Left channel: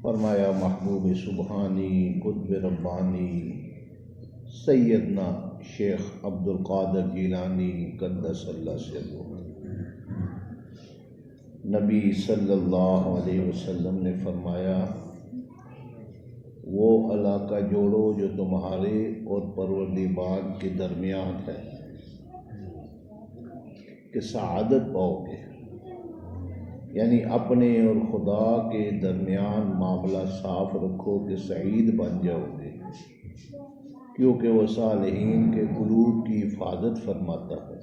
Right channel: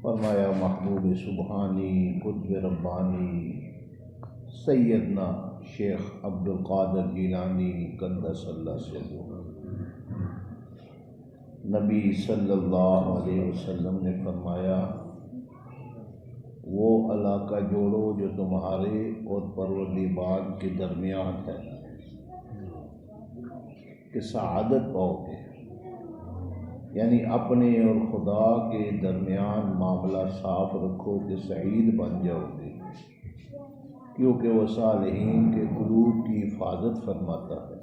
फरमाया महबूब सुबहानी कुतुब रब्बानी सैयदना शेख अब्दुल कादिर जिलानी क़द्दसल्लाहु सिर्रहु। नबी सल्लल्लाहु अलैहि वसल्लम ने फरमाया, वो इलाका जोड़ो जो तुम्हारे और परवरदिगार के दरमियान है कि सआदत पाओगे, यानी अपने और खुदा के दरमियान मामला साफ रखो कि सईद बन जाओगे, क्योंकि वह सालिहीन के कुलूब की हिफाजत फरमाता है।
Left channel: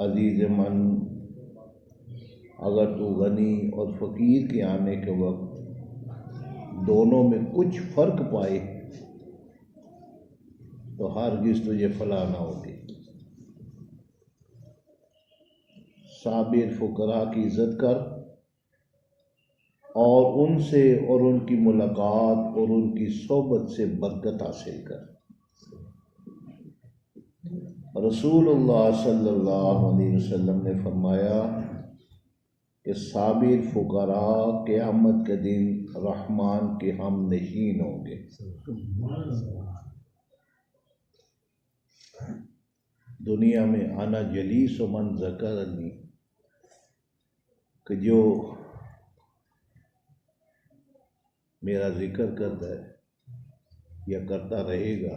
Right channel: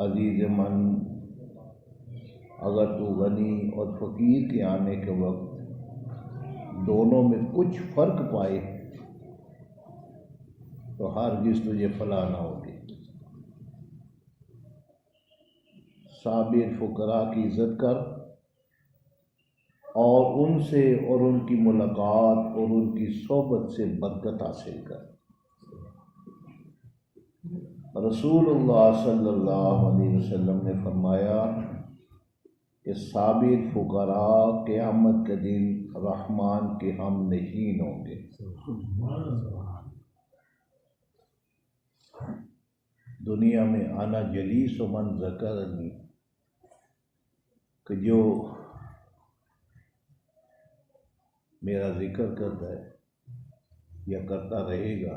अजीज़ मन, अगर तू गनी और फ़कीर के आने के वक्त दोनों में कुछ फ़र्क पाए तो हरगिज़ तुझे फलाह ना होगी। साबिर फ़ुकरा की इज़्ज़त कर और उनसे और उनकी मुलाकात और उनकी सोबत से बरकत हासिल कर। रसूलुल्लाह सल्लल्लाहु अलैहि वसल्लम ने फरमाया कि साबिर फ़ुकरा क़यामत के दिन रहमान के हम नशीन होंगे। दुनिया में आना जलीस व मन ज़करनी, कि जो मेरा जिक्र करता है या करता रहेगा,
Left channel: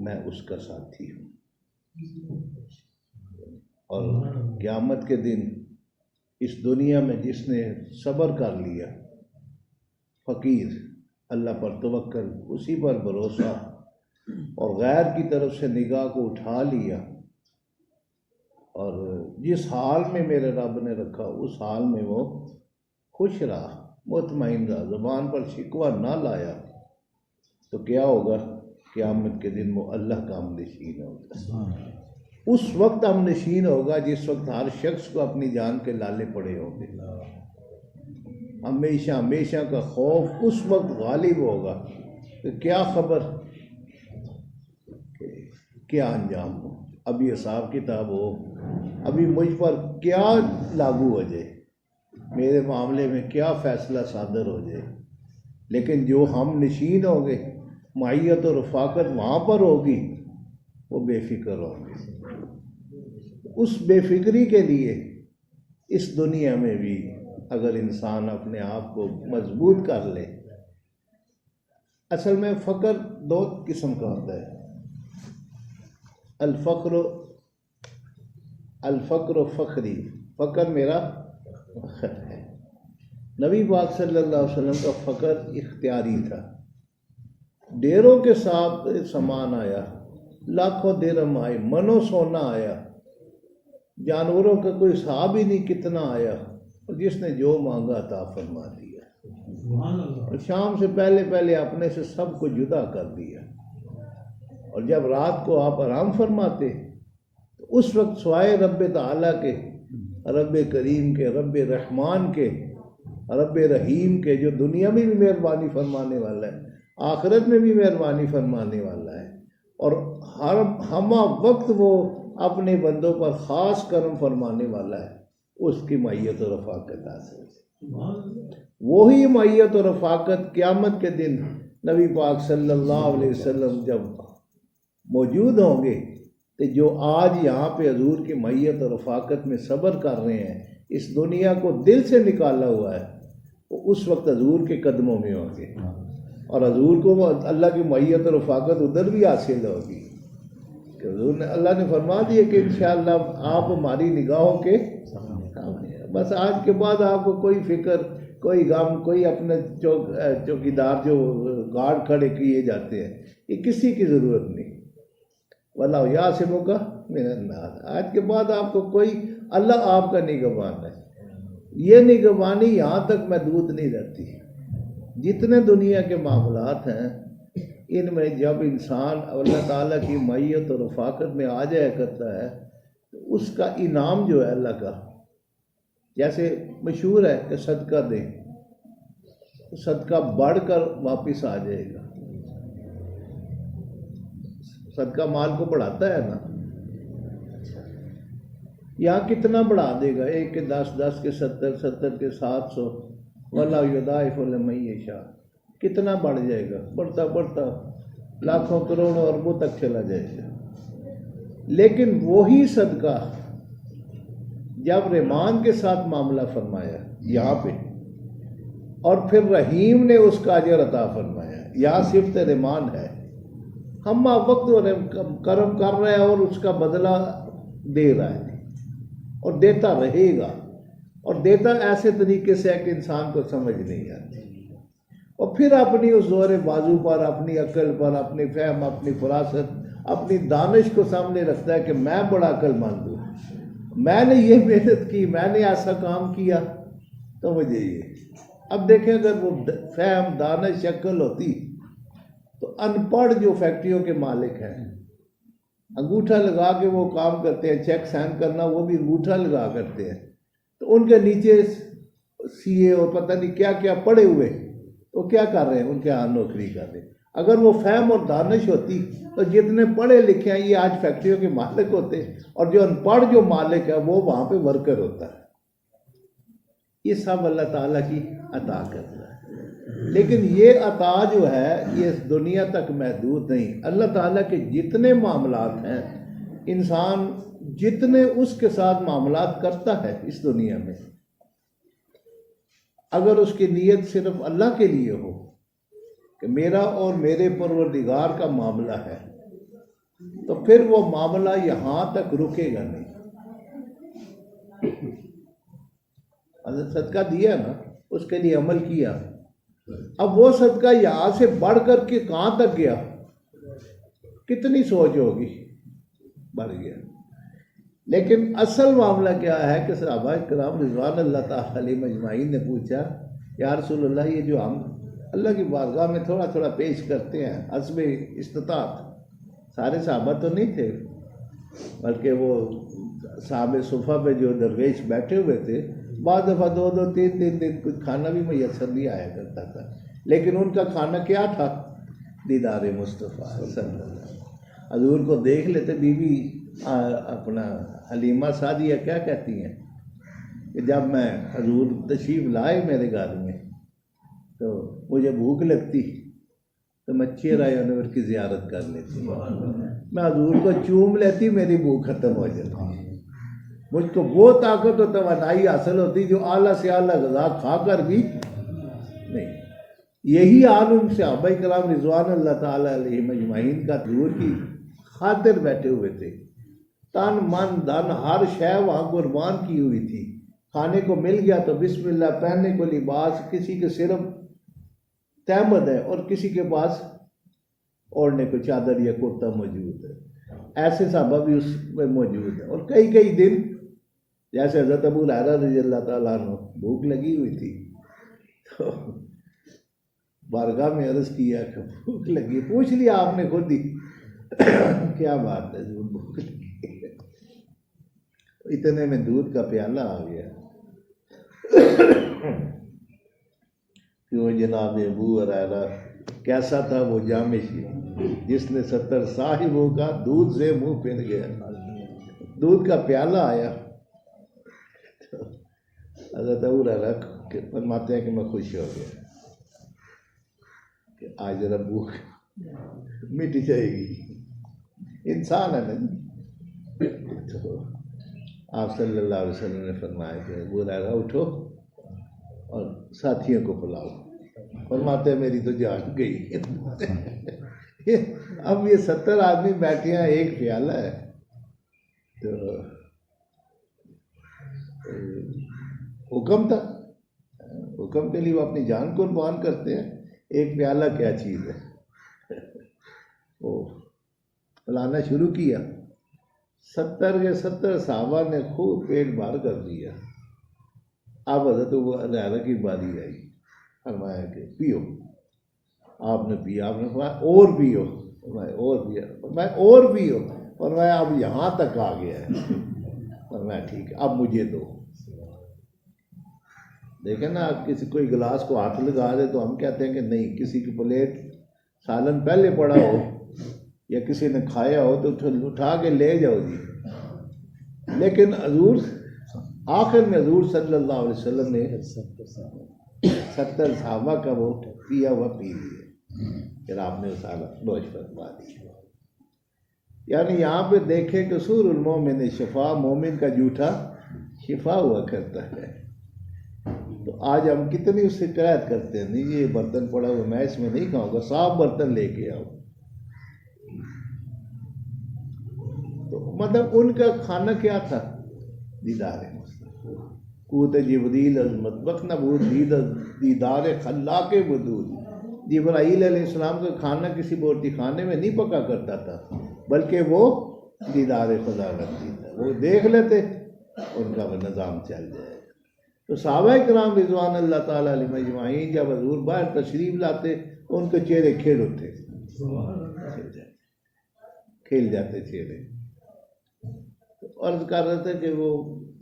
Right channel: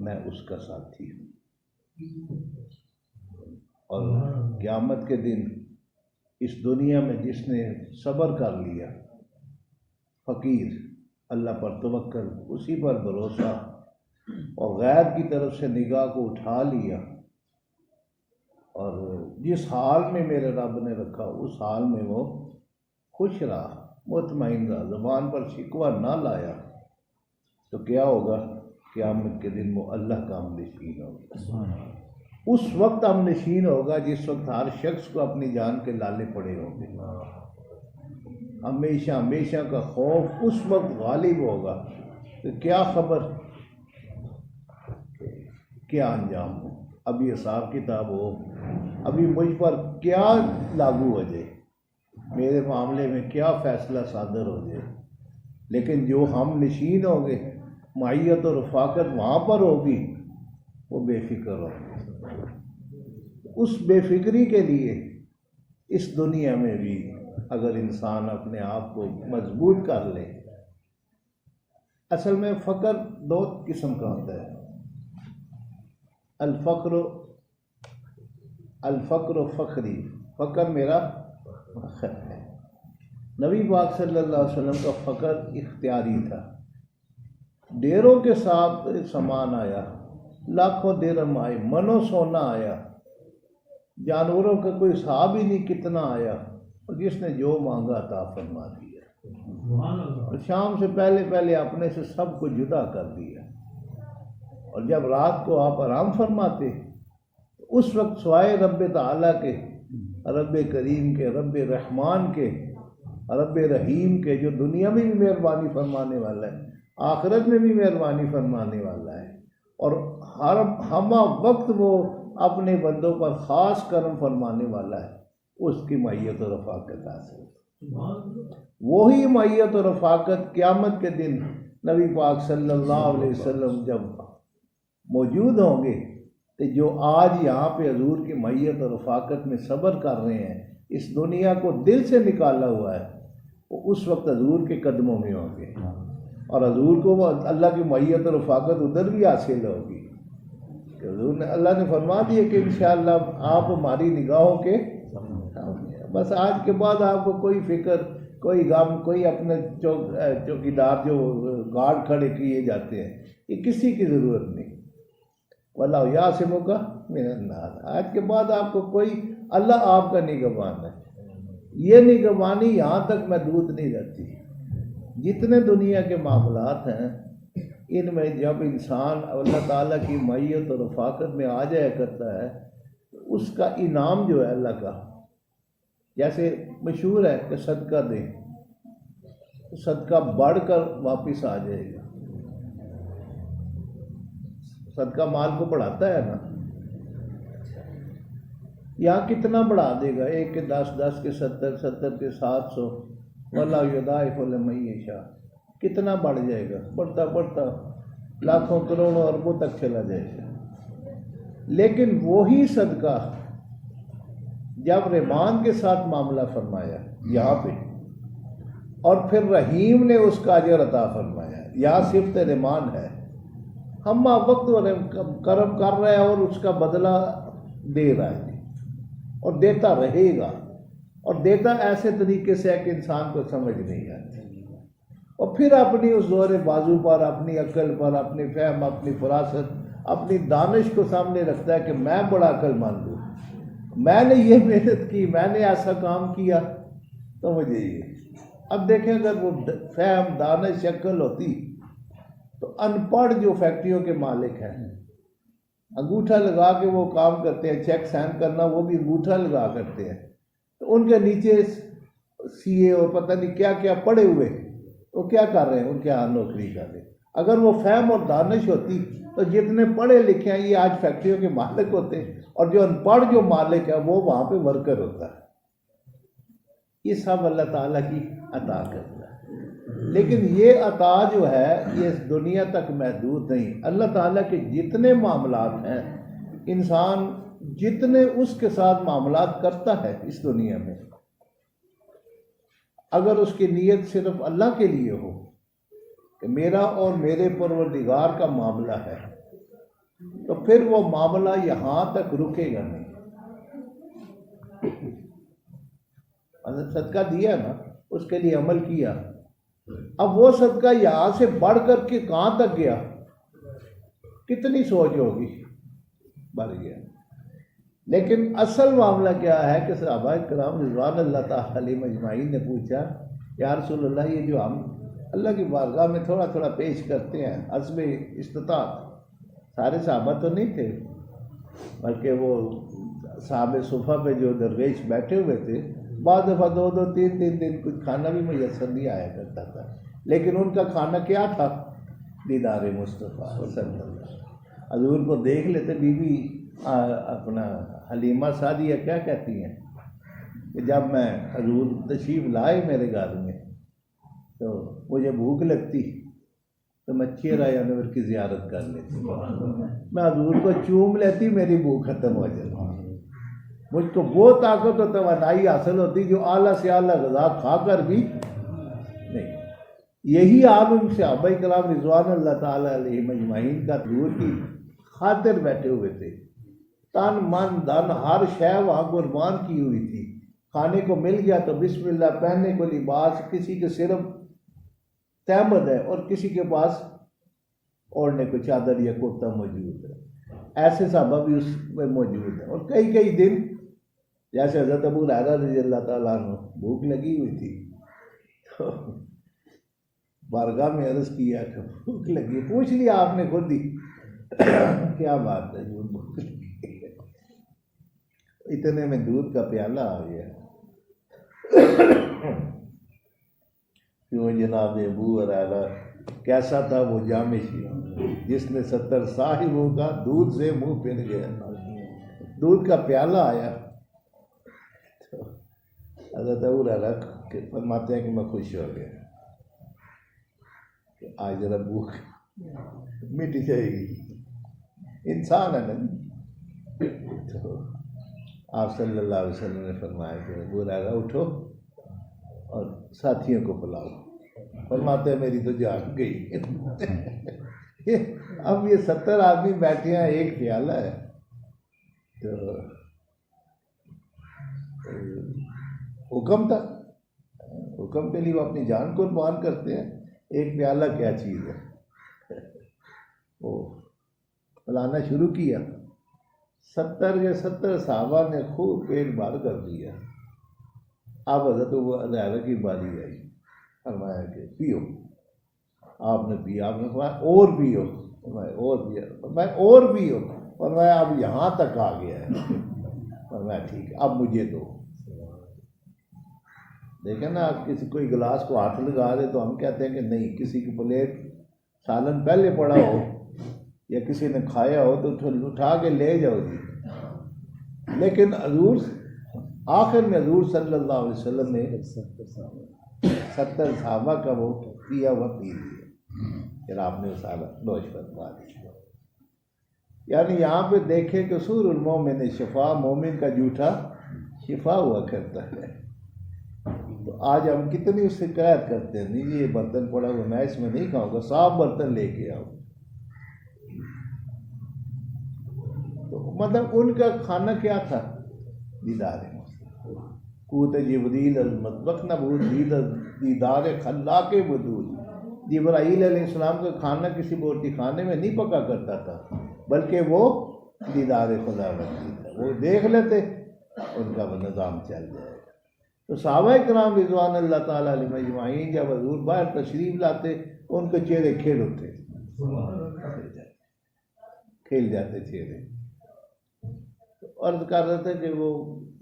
मैं उसका साथी हूँ। और क़यामत के दिन इस दुनिया में जिसने सब्र कर लिया, फ़कीर, अल्लाह पर तवक्कुल, उसी पर भरोसा और गैर की तरफ से निगाह को उठा लिया और जिस हाल में मेरे रब ने रखा उस हाल में वो खुश रहा, मुतमईन रहा, ज़बान पर शिकवा ना लाया, तो क्या होगा? क़यामत के दिन वो अल्लाह का हमनशीन होगा। उस वक्त हमनशीन होगा जिस वक्त हर शख्स को अपनी जान के लाले पड़े होंगे। हमेशा हमेशा का खौफ उस वक्त गालिब होगा कि क्या खबर, क्या अंजाम हो, अभी हिसाब किताब हो, अभी मुझ पर क्या लागू हो जाए, मेरे मामले में क्या फ़ैसला सादर हो जाए। लेकिन जो हम नशीन होंगे, माहियत और रफ़ाकत वहाँ पर होगी, वो बेफिक्र होंगे। उस बेफिक्री के लिए इस दुनिया में भी अगर इंसान अपने आप को मजबूत कर ले, असल में फ़क्र दो किस्म का होता है, अल-फ़क्र फ़ख्री, फ़क्र मेरा फ़ख्र है। नबी पाक सल्लल्लाहु अलैहि वसल्लम का फ़क्र इख्तियारी था। डेरों के साथ सामान आया, लाखों दिरहम आए, मनो सोना आया, जानवरों का कोई हिसाब ही नहीं कितना आया, और जिसने जो मांगा अता फरमा दिया। और शाम से पहले पहले अपने से सब को जुदा कर दिया। और जब रात को आप आराम फरमाते तो उस वक्त स्वाए रब ताला के, रब करीम के, रब रहमान के, रब रहीम के, जो दुनिया में भी मेहरबानी फरमाने वाला है, आखिरत में भी मेहरबानी फरमाने वाला है, और हर हमा वक्त वो अपने बंदों पर ख़ास करम फरमाने वाला है, उसकी मैयत और रफ़ाकत हासिल। वही मैयत और रफ़ाकत क़यामत के दिन नबी पाक सल्लल्लाहु अलैहि वसल्लम जब मौजूद होंगे, तो जो आज यहाँ पे हजूर की मैयत और रफ़ाकत में सब्र कर रहे हैं, इस दुनिया को दिल से निकाला हुआ है, वो उस वक्त हजूर के कदमों में होंगे, और हजूर को अल्लाह की मैयत और रफ़ाकत उधर भी हासिल होगी। हजूर ने, अल्लाह ने फरमा दिया कि इंशाअल्लाह आप हमारी निगाहों के सामने। बस आज के बाद आपको कोई फिक्र, कोई गम, कोई अपने चौकीदार जो गार्ड खड़े किए जाते हैं, ये किसी की ज़रूरत नहीं। वल्लाहु यासिमुका मिनन्नास। आज के बाद आपको कोई, अल्लाह आपका निगहबान है। ये निगहबानी यहाँ तक महदूद नहीं रहती। जितने दुनिया के मामलात हैं, इनमें जब इंसान अल्लाह ताला की मैयत और रफ़ाकत में आ जाया करता है, तो उसका इनाम जो है अल्लाह का, जैसे मशहूर है कि सदका दें, तो सदका बढ़कर वापस आ जाएगा। सदका माल को बढ़ाता है ना, यहाँ कितना बढ़ा देगा, 1 के 10, 10 के 70, 70 के 700, वल्लाहु युदाइफु लिमन यशा, कितना बढ़ जाएगा, बढ़ता बढ़ता लाखों करोड़ों अरबों तक चला जाएगा। लेकिन वही सदका जब रहमान के साथ मामला फरमाया यहाँ पे, और फिर रहीम ने उसका अजर अता फरमाया, यहाँ सिर्फ रहमान है, हम वक्त कर्म कर रहे हैं और उसका बदला दे रहा है और देता रहेगा, और देता ऐसे तरीके से है कि इंसान को समझ नहीं आती, और फिर अपनी उस जोर बाजू पर, अपनी अक्ल पर, अपनी फहम, अपनी फरासत, अपनी दानिश को सामने रखता है कि मैं बड़ा अक्लमंद हूँ, मैंने ये मेहनत की, मैंने ऐसा काम किया, तो मुझे ये। अब देखें अगर वो फहम, दानिश, अक्ल होती तो अनपढ़ जो फैक्ट्रियों के मालिक हैं, अंगूठा लगा के वो काम करते हैं, चेक साइन करना वो भी अंगूठा लगा करते हैं, तो उनके नीचे सीए और पता नहीं क्या क्या पड़े हुए, वो क्या कर रहे हैं, उनके यहाँ नौकरी कर रहे हैं। अगर वो फहम और दानिश होती तो जितने पढ़े लिखे हैं ये आज फैक्ट्रियों के मालिक होते, और जो अनपढ़ जो मालिक है वो वहाँ पे वर्कर होता है। ये सब अल्लाह ताला की अता करता है, लेकिन ये अता जो है ये दुनिया तक महदूद नहीं। अल्लाह ताला के जितने मामलात हैं, इंसान जितने उसके साथ मामलात करता है इस दुनिया में, अगर उसकी नीयत सिर्फ अल्लाह के लिए हो कि मेरा और मेरे परवरदिगार का मामला है, तो फिर वो मामला यहाँ तक रुकेगा नहीं। सदका दिया ना, उसके लिए अमल किया, अब वो सदका यहाँ से बढ़ कर के कहाँ तक गया, कितनी सोच होगी, बढ़ गया। लेकिन असल मामला क्या है कि सहाबा किराम रिज़वान अल्लाह तआला अलैहिम अजमाइन ने पूछा, या रसूलल्लाह, ये जो हम अल्लाह की बारगाह में थोड़ा थोड़ा पेश करते हैं, हस्बे इस्तिताअत, सारे सहाबा तो नहीं थे, बल्कि वो साहब सुफ़ा पे जो दरवेश बैठे हुए थे, बाद दफ़ा 2-2, 3-3 दिन कुछ खाना भी मुयस्सर नहीं आया करता था, लेकिन उनका खाना क्या था, दीदार मुस्तफ़ा सल्लल्लाहु। हज़ूर को देख लेते, बीबी अपना हलीमा सादिया क्या कहती हैं कि जब मैं हज़ूर तशरीफ़ लाए मेरे घर में तो मुझे भूख लगती तो मैं चेहरा अनवर की ज़ियारत कर लेती, मैं हज़ूर को चूम लेती, मेरी भूख ख़त्म हो जाती। मुझको वो ताकत और तवानाई हासिल होती जो आला से आला ग़ज़ा खाकर भी नहीं। यही हाल उन सहाबा किराम रिज़वान अल्लाह ताला अलैहिम अजमाइन का हज़ूर की खातिर बैठे हुए थे, तन मन धन हर शय वहाँ कुर्बान की हुई थी। खाने को मिल गया तो बिस्मिल्लाह, पहनने को लिबास, किसी के सिर्फ तहमद है और किसी के पास ओढ़ने को चादर या कुर्ता मौजूद है, ऐसे सहाबा भी उसमें मौजूद है। और कई कई दिन, जैसे हज़रत अबू हुरैरा रज़ियल्लाहु ताला अन्हु, भूख लगी हुई थी तो बारगाह में अर्ज़ किया कि भूख लगी, पूछ लिया आपने खुद ही क्या बात है, भूख लगी, इतने में दूध का प्याला आ गया कि वो जनाब अबू हुरैरा कैसा था, वो जामिशी जिसने 70 साहिबों का दूध से मुंह फिर गया। दूध का प्याला आया तो हज़रत अबू हुरैरा फरमाते हैं कि मैं खुश हो गया कि आज जरा भूख मिट जाएगी, इंसान है ना। तो आप सल्लल्लाहु अलैहि वसल्लम ने फरमाया कि अबू हुरैरा उठो और साथियों को बुलाओ। फरमाते हैं मेरी तो जान गई अब ये 70 आदमी बैठे हैं, एक प्याला है, तो हुक्म था, हुक्म के लिए वो अपनी जान कुर्बान करते हैं, एक प्याला क्या चीज़ है। वो पिलाना शुरू किया, 70 के 70 सहाबा ने खूब पेट भर कर दिया। अब हज़रत अबू हुरैरा की बारी आई, फरमाया कि पियो। आपने पिया, आपने फरमाया और पियो, फरमाया और पिया, फरमाया और पियो, फरमाया अब यहाँ तक आ गया है, फरमाया ठीक है अब मुझे दो। देखें ना, आप किसी कोई गिलास को हाथ लगा दे तो हम कहते हैं कि नहीं, किसी की प्लेट सालन पहले पड़ा हो या किसी ने खाया हो तो उठा के ले जाओ जी, लेकिन हजूर आखिर में हजूर सल्लल्लाहु अलैहि वसल्लम ने 70 सहाबा का वो पिया हुआ पी लिया, फिर आपने उसाला नोश फरमा दी। यानी यहाँ पे देखें कि सूरुल मोमिन शिफा, मोमिन का जूठा शिफा हुआ करता है। तो आज हम कितनी शिकायत करते हैं, नहीं ये बर्तन पड़ा हुआ मैं इसमें नहीं खाऊंगा, साफ बर्तन लेके आओ। तो मतलब उनका खाना क्या था? दीदार कूत जिब्रील मतबक नबूद दीदार खल्ला के वजूद। जिब्राईल अलैहिस्सलाम का खाना किसी बोटी खाने में नहीं पका करता था, बल्कि वो दीदार खुदा करती था, वो देख लेते उनका वो निज़ाम चल जाएगा। तो सहाबाए किराम रिज़वान अल्लाह ताला अलैहिम अजमाइन जब हजूर बाहर तशरीफ लाते तो उनके चेहरे खिल उठते, खिल जाते चेहरे। तो अर्ज कर रहे थे कि वो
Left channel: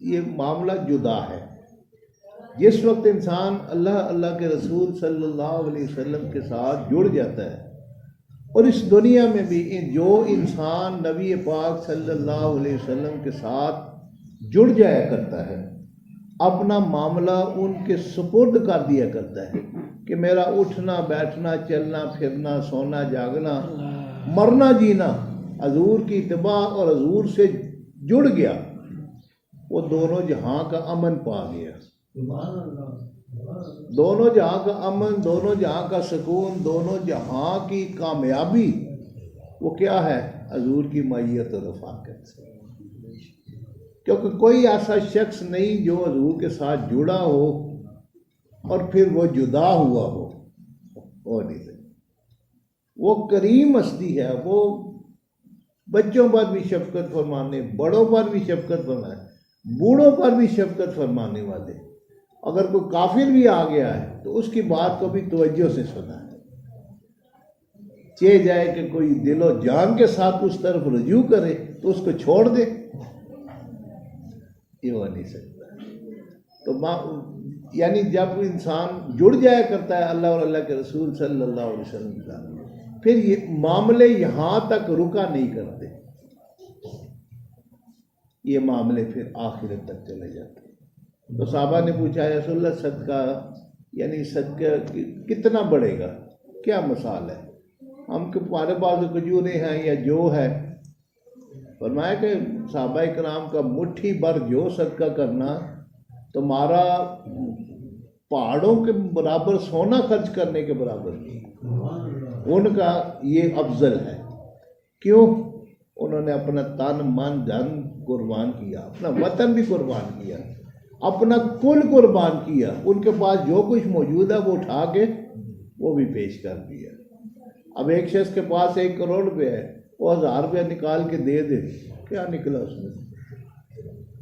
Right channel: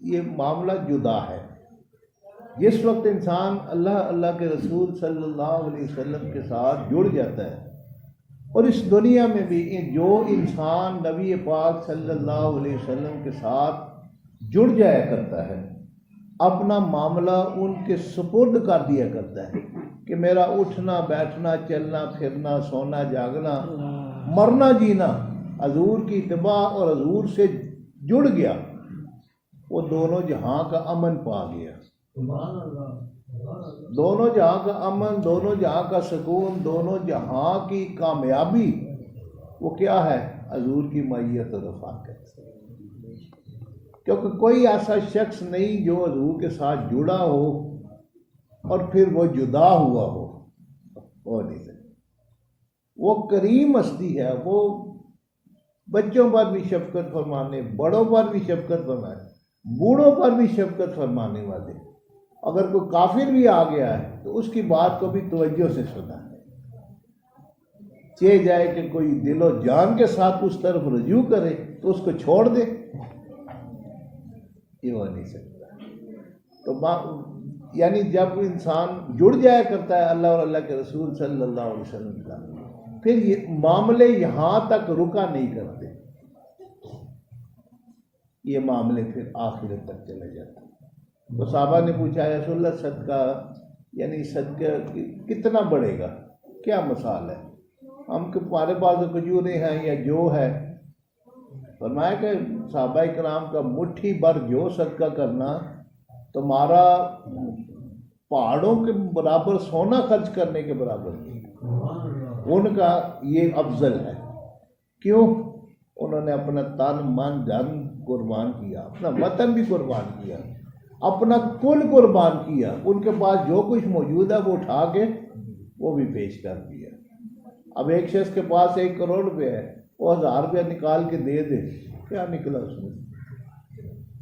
ये मामला जुदा है। जिस वक्त इंसान अल्लाह अल्लाह के रसूल सल्लल्लाहु अलैहि वसल्लम के साथ जुड़ जाता है, और इस दुनिया में भी जो इंसान नबी पाक सल्लल्लाहु अलैहि वसल्लम के साथ जुड़ जाया करता है, अपना मामला उनके सुपुर्द कर दिया करता है कि मेरा उठना बैठना चलना फिरना सोना जागना मरना जीना हजूर की इत्तबा और हजूर से जुड़ गया, वो दोनों जहां का अमन पा गया। दोनों जहां का अमन, दोनों जहां का सुकून, दोनों जहां की कामयाबी, वो क्या है? हजूर की मैयत और रफ़ाक़त। क्योंकि कोई ऐसा शख्स नहीं जो हजूर के साथ जुड़ा हो और फिर वो जुदा हुआ हो नहीं सकता। वो करीम हस्ती है, वो बच्चों पर भी शफकत फरमाने, बड़ों पर भी शफकत फरमाने, बूढ़ों पर भी शफकत फरमाने वाले। अगर कोई काफिर भी आ गया है तो उसकी बात को भी तवज्जो से सुना है। चे जाए कि कोई दिलो जान के साथ उस तरफ रजू करे तो उसको छोड़ दे, ये हो नहीं सकता। तो यानी जब इंसान जुड़ जाया करता है अल्लाह और अल्लाह के रसूल सल्लल्लाहु अलैहि वसल्लम का, फिर ये मामले यहाँ तक रुका नहीं करते, ये मामले फिर आखिरत तक चले जाते हैं। तो साहबा ने पूछा या रसूलल्लाह सदका यानी सदका कितना बढ़ेगा, क्या मिसाल है? हम हमारे पास जो खजूरें हैं या जो है, फरमाया कि सहाबाए किराम का मुट्ठी भर जो सदका करना तुम्हारा पहाड़ों के बराबर सोना खर्च करने के बराबर नहीं। उनका ये अफजल है। क्यों? उन्होंने अपना तन मन धन कुर्बान किया, अपना वतन भी कुर्बान किया, अपना कुल कुर्बान किया। उनके पास जो कुछ मौजूद है वो उठा के वो भी पेश कर दिया। अब एक शख्स के पास 1 करोड़ रुपये है, वो 1000 रुपया निकाल के दे दे, क्या निकला उसमें?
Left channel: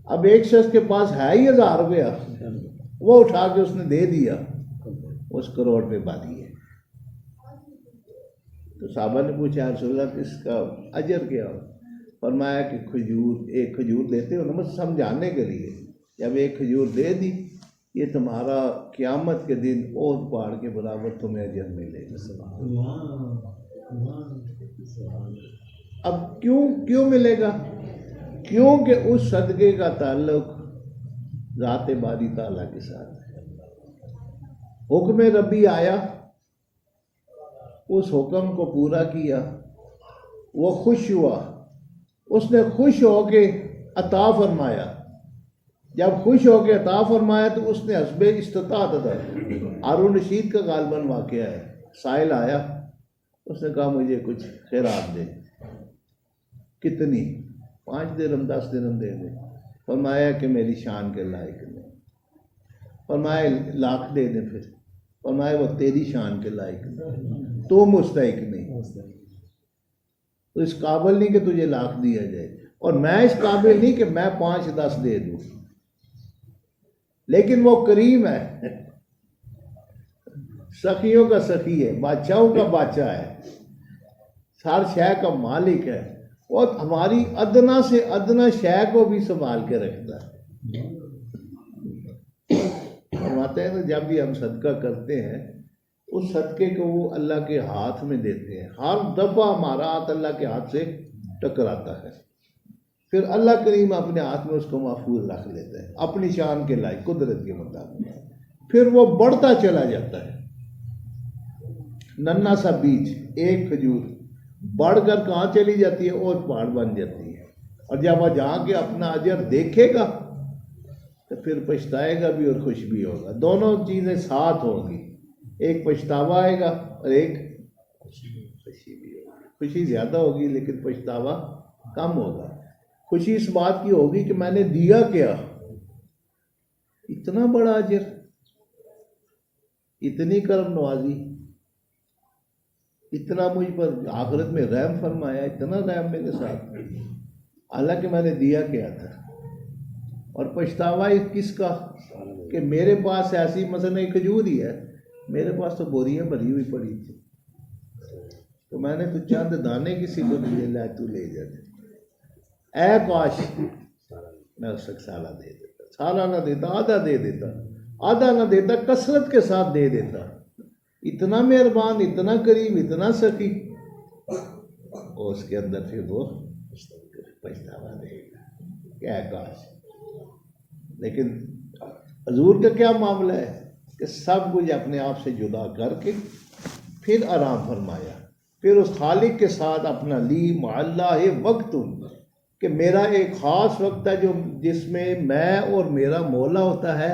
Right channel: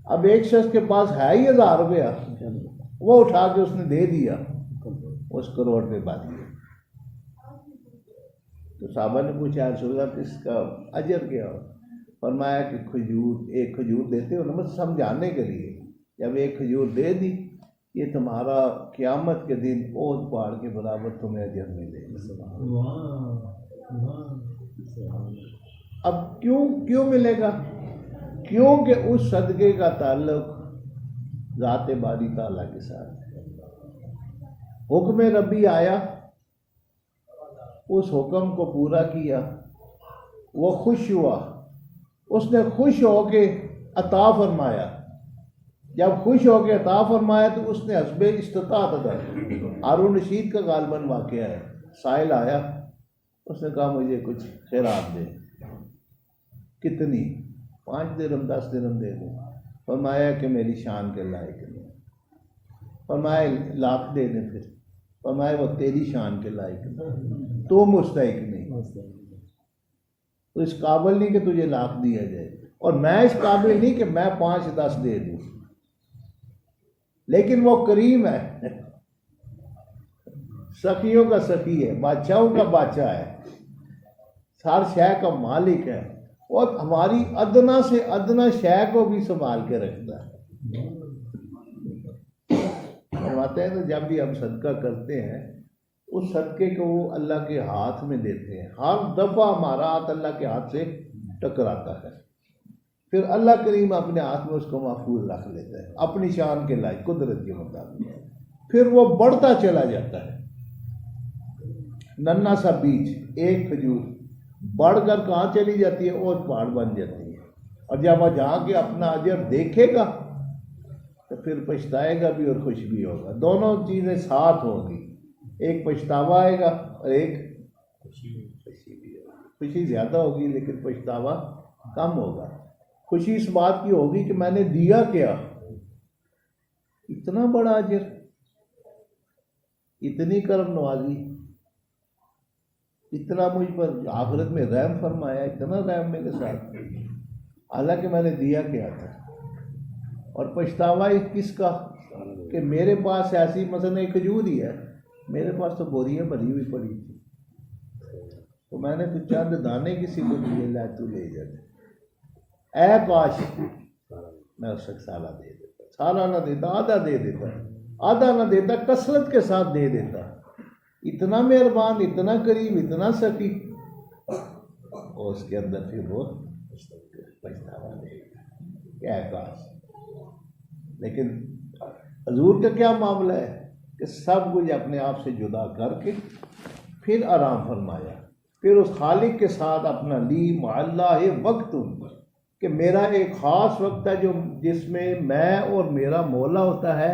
अब एक शख्स के पास है ही 1000 रुपया, वो उठा के उसने दे दिया, उस करोड़ पे बात है। तो साहबा ने पूछा रसूलल्लाह इसका अजर क्या हो? फरमाया कि खजूर, एक खजूर देते हो ना, समझाने के लिए। जब एक खजूर दे दी, ये तुम्हारा क़यामत के दिन ओद पहाड़ के बराबर तुम्हें अजर मिलेगा। अब क्यों मिलेगा? क्योंकि उस सदक़े का ताल्लुक ज़ात बारी ताला के साथ है। हुक्म रब्बी आया, उस हुक्म को पूरा किया, वो खुश हुआ, उसने खुश होके अता फरमाया। जब खुश होके अता फरमाया तो उसने हस्बे इस्तिताअत अदा की। हारून रशीद का गालबन वाक़या है, साइल आया, उसने कहा मुझे कुछ खैरात दे। कितनी? 5 दिरहम 10 दिरहम दे दे। फरमाया कि मेरी शान के लायक नहीं। फरमाया लाख दे दे। फिर फरमाया वो तेरी शान के लायक नहीं, तो मुस्तहिक नहीं, तो इस काबिल नहीं कि तुझे लाख दिया जाए, और मैं इस काबिल नहीं कि मैं 5-10 दे दूं। लेकिन वो करीम है, सखियों का सखी है, बादशाहों का बादशाह है, हर शय का मालिक है, और हमारी अदना से अदना शय को भी संभाल के रखता है। फरमाते हैं तो जब भी हम सदका करते हैं, उस सदके को वो अल्लाह के हाथ में देते हैं। हर दफ़ा हमारा हाथ अल्लाह के हाथ से टकराता है, फिर अल्लाह करीम अपने हाथ में उसको महफूज रख लेता है अपनी शान के लायक कुदरत के मुताबिक। फिर वो बढ़ता चला जाता है, नन्हा सा बीज एक खजूर बढ़कर कहाँ चली जाती है और पहाड़ बन जाती है। और जब वह जाके अपना अजर देखेगा तो फिर पछताएगा भी और खुश भी होगा, दोनों चीज़ें साथ होंगी, एक पछतावा आएगा और एक खुशी भी होगी। खुशी ज़्यादा होगी लेकिन पछतावा कम होगा। खुशी इस बात की होगी कि मैंने दिया क्या, इतना बड़ा अजर, इतनी करम नवाजी, इतना मुझ पर आखिरत में रहम फरमाया, इतना रहम मेरे साथ, हालांकि मैंने दिया क्या था। और पछतावा किसका कि मेरे पास ऐसी मसलन एक खजूर ही है, मेरे पास तो बोरियां भरी हुई पड़ी थी, तो मैंने तो चंद दाने किसी को दिए, ला तू ले जा, ऐ काश मैं उसको साला दे देता, साला ना देता आधा दे देता, आधा ना देता कसरत के साथ दे देता। इतना मेहरबान, इतना करीम, इतना सकी, और उसके अंदर फिर वो पछतावा देगा, क्या काश। लेकिन हजूर का क्या मामला है कि सब कुछ अपने आप से जुदा करके फिर आराम फरमाया, फिर उस खालिक के साथ अपना ली मअल्लाह वक्त, कि मेरा एक ख़ास वक्त है जो जिसमें मैं और मेरा मौला होता है,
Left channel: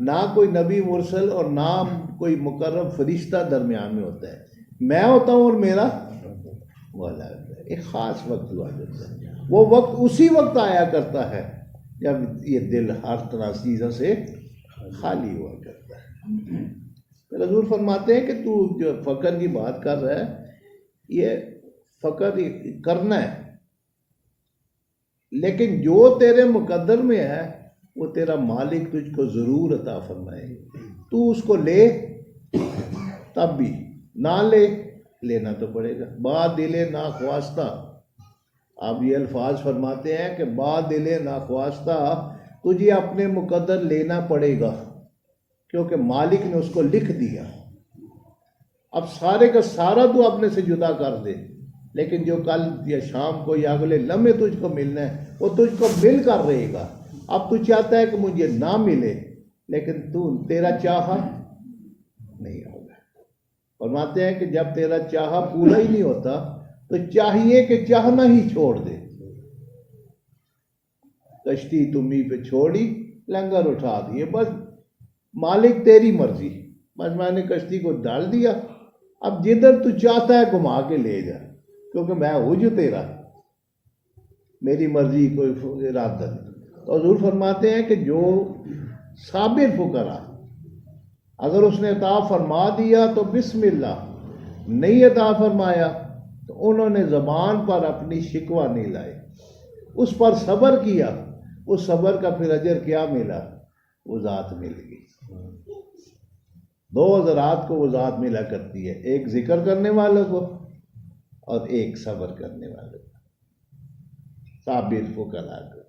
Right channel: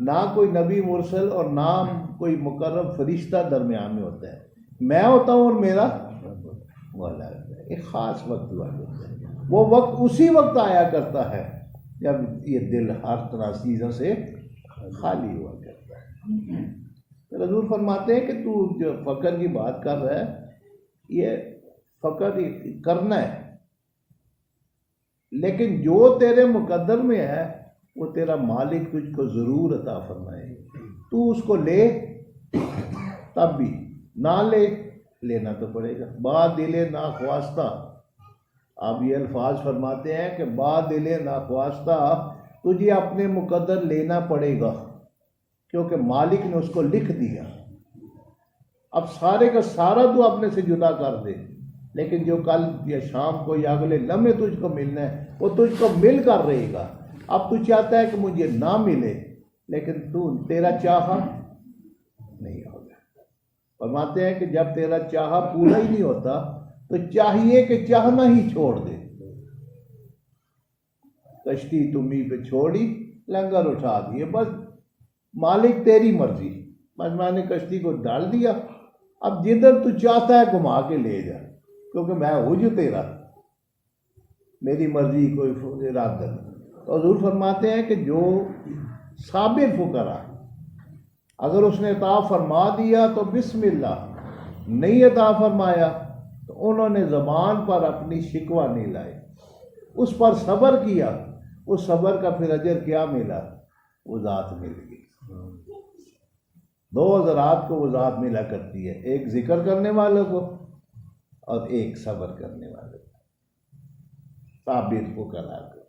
ना कोई नबी मुरसल और ना कोई मुकर्रम फरिश्ता दरमियान में होता है, मैं होता हूँ और मेरा मौला होता है। एक ख़ास वक्त हुआ करता है, वो वक्त उसी वक्त आया करता है जब ये दिल हर तरह चीज़ों से खाली हुआ करता है। तो हजूर फरमाते हैं कि तू जो फ़क्र की बात कर रहा है, ये फ़क्र करना है, लेकिन जो तेरे मुकद्दर में है वो तेरा मालिक तुझको ज़रूर अता फरमाएगा। तू उसको ले तब भी, ना ले लेना तो पड़ेगा। बा दिले ना ख्वास्ता, आप ये अल्फाज फरमाते हैं कि बा दिले ना ख्वास्ता, तुझे अपने मुकद्दर लेना पड़ेगा क्योंकि मालिक ने उसको लिख दिया। अब सारे का सारा तू अपने से जुदा कर दे, लेकिन जो कल या शाम को या अगले लम्हे तुझको मिलना है वो तुझको मिल कर रहेगा। अब तू चाहता है कि मुझे ना मिले, लेकिन तू तेरा चाहा नहीं होगा। फरमाते हैं कि जब तेरा चाहा पूरा ही नहीं होता तो चाहिए कि चाहना ही छोड़ दे। कश्ती तुम्ही पे छोड़ी, लंगर उठा दिए, बस मालिक तेरी मर्जी, बस मैंने कश्ती को डाल दिया, अब जिधर तू चाहता है घुमा के ले जा, क्योंकि मैं हूँ जो तेरा, मेरी मर्जी कोई इरादा नहीं। तो हजूर फरमाते हैं कि जो साबिर फुकरा, अगर उसने अता फरमा दिया तो बिस्मिल्लाह, नहीं अता फरमाया तो उन्होंने ज़बान पर अपनी शिकवा नहीं लाई, उस पर सब्र किया, उस सब्र का फिर अजर क्या मिला, वो ज़ात मिल गई। दो ज़रात को वो ज़ात मिला करती है, एक जिक्र करने वालों को और एक सब्र करने वालों को, साबिर फुकरा को।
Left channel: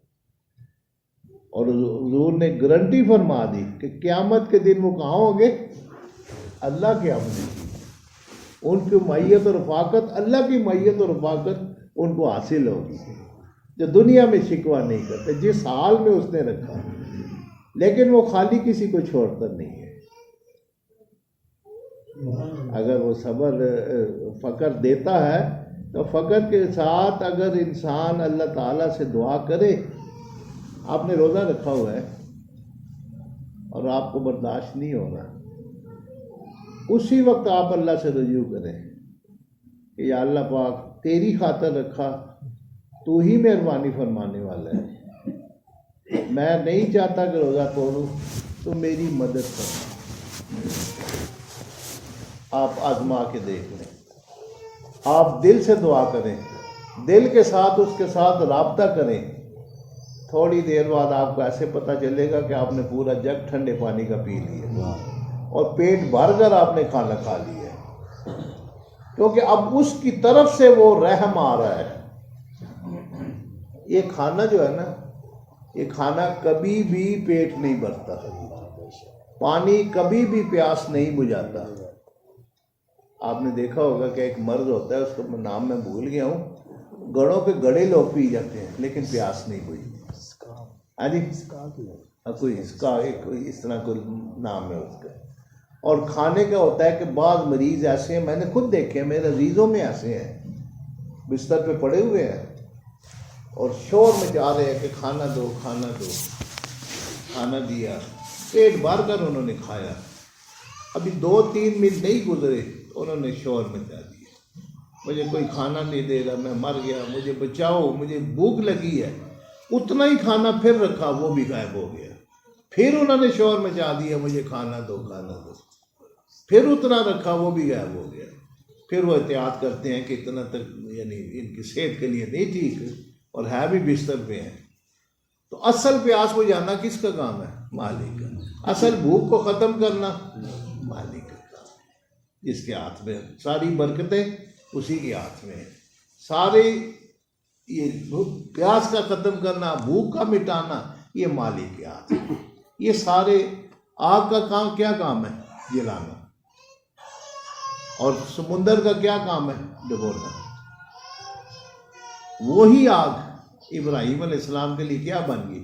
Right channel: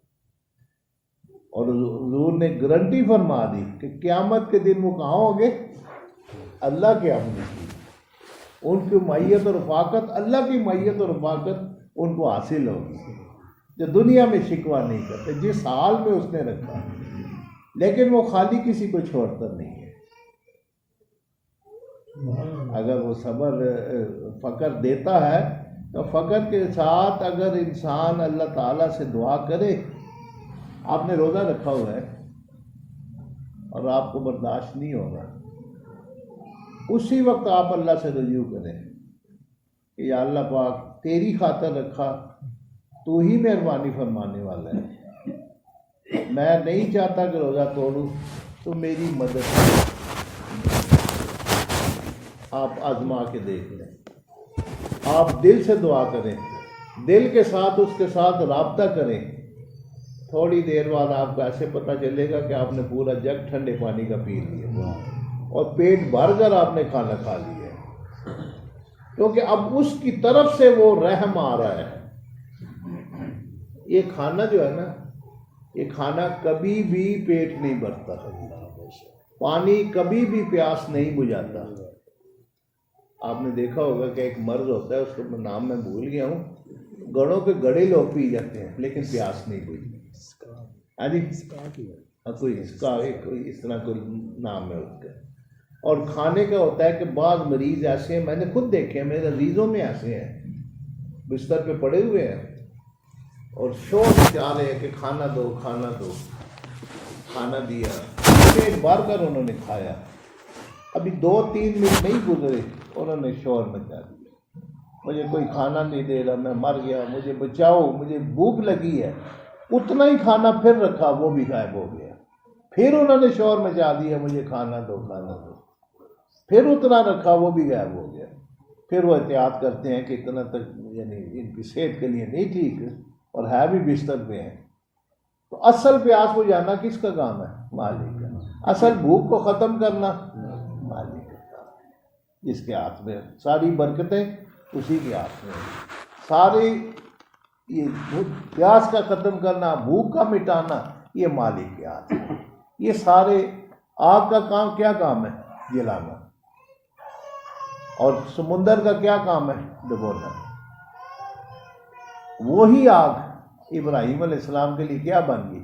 और हुजूर ने गारंटी फरमा दी कि क़यामत के दिन वो कहाँ होंगे, अल्लाह के आमने की, उनकी मैयत और रफ़ाकत, अल्लाह की मैयत और रफ़ाकत उनको हासिल होगी, जो दुनिया में शिकवा नहीं करते, जिस हाल में उसने रखा है, लेकिन वो खाली किसी को छोड़ता नहीं है। अगर वो सब्र फ़क्र देता है तो फ़क्र के साथ अगर इंसान अल्लाह ताला से दुआ करे, आपने रोज़ा रखा हुआ है और आपको बर्दाश्त नहीं होगा, उसी वक्त आप अल्लाह से रुजू करें कि या अल्लाह पाक तेरी खातिर रखा, तू ही मेहरबानी फरमाने वाला है, मैं नहीं चाहता कि रोज़ा तोड़ूं, तो मेरी मदद करें। आप आजमा के देख लें, आप दिल से दुआ करें, दिल के साथ उसके साथ राब्ता करें, थोड़ी देर बाद आपको ऐसे पता चलेगा कि आपने पूरा जग ठंडे पानी का पी लिया और पेट भर कर आपने खाना खा लिया है, क्योंकि अब उसकी तरफ से वो रहम आ रहा है। ये खाना जो है ना, ये खाना कभी भी पेट नहीं भरता, पानी कभी भी प्यास नहीं बुझाता। आपने देखा होगा कि एक मर्द होता है, उसका नाम मैं भूल गया हूँ, घड़ों पे घड़े लोग पी जाते हैं लेकिन प्यास नहीं बुझी। हाँ जी, कोई इसका कोई इस तरह कोई नाम है उसका। और खाने का होता है कि बाद मरीज ऐसे हैं, मैंने खुद देखे हैं, मेरे अजीज़ों में ऐसे हैं बिस्तर पे पड़े हुए हैं और शोर मचा रहे हैं कि खाना दो खाना दो। खाना दिया, पेट भर कर उन्होंने खाया, अभी 2-3 मिनट नहीं गुजरे उन्होंने शोर मचा दिया, मुझे कोई खाना नहीं दे रहा, मैं मर गया, मुझे बचाओ, मुझे भूख लगी है। उतना ही खाना फिर रखा, वो भी गायब हो गया। फिर उन्होंने शोर मचा दिया, मुझे खाना दो खाना दो। फिर उतना रखा, वो भी गायब हो गया। फिर वो एहतियात करते हैं कि इतना तक यानी इनकी सेहत के लिए नहीं ठीक और है भी बिस्तर पे हैं। तो असल प्यास बुझाना किसका काम है? मालिक का। असल भूख को ख़त्म करना मालिक का काम है, जिसके हाथ में सारी बरकतें, उसी के हाथ में सारे। ये प्यास का ख़त्म करना, भूख का मिटाना, ये मालिक के हाथ में। ये सारे आग का काम क्या काम है? जलाना। और समुंदर का क्या काम है? डुबोना। वही आग इब्राहीम अलैहिस्सलाम के लिए क्या बन गई?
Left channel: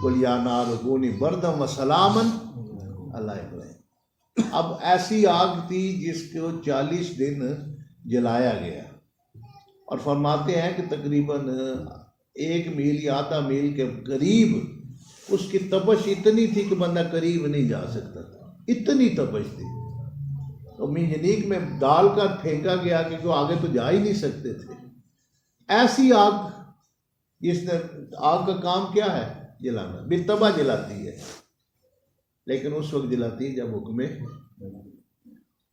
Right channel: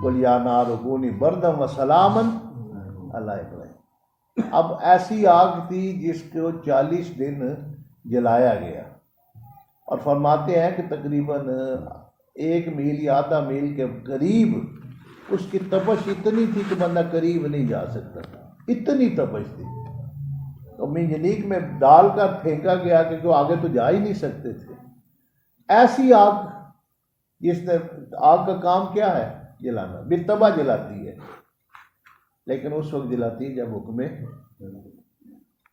कुल या नार कूनी बरदम व सलामन अला इब्राहीम। अब ऐसी आग थी जिसको 40 दिन जलाया गया और फरमाते हैं कि तकरीबन 1 मील या आधा मील के करीब उसकी तपश इतनी थी कि बंदा करीब नहीं जा सकता था, इतनी तपश थी। तो मिंजनीक में डाल कर फेंका गया क्योंकि आगे तो जा ही नहीं सकते थे। ऐसी आग, जिसने आग का काम क्या है? जलाना। बितबा जलाती है, लेकिन उस वक्त जलाती है जब हुक्म।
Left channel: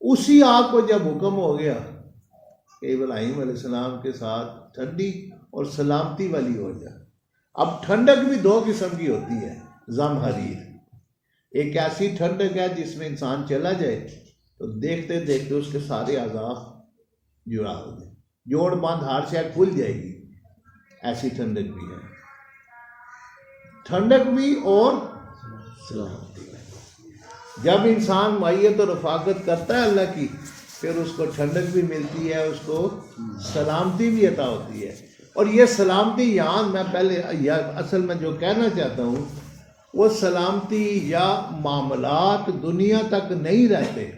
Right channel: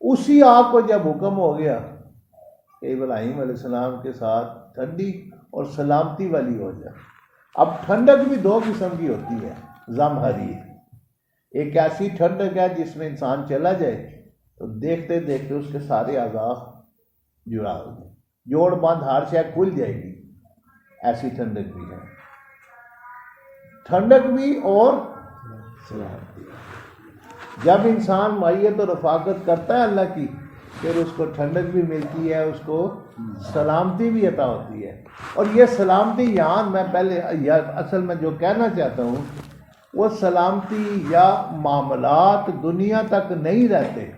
उसी आग को जब हुक्म हो गया कि इब्राहीम अलैहिस्सलाम के साथ ठंडी और सलामती वाली हो जाए। अब ठंडक भी 2 किस्म की होती है, ज़महरीर। एक ऐसी ठंडक है जिसमें इंसान चला जाए तो देखते देखते उसके सारे आज़ा जुड़ा हो जाए, जोड़ बांध हार से खुल जाएगी, ऐसी ठंडक भी है। ठंडक भी और सलामती। जब इंसान मायत और रफाकत करता है अल्लाह की, फिर उसको ठंडक भी मिलती है, उसको सलामती भी अता होती है। और ये सलामती यहाँ मैं पहले या असल में जो कहना चाहता हूँ, वो सलामती या मामलात दुनिया तक नहीं रहते।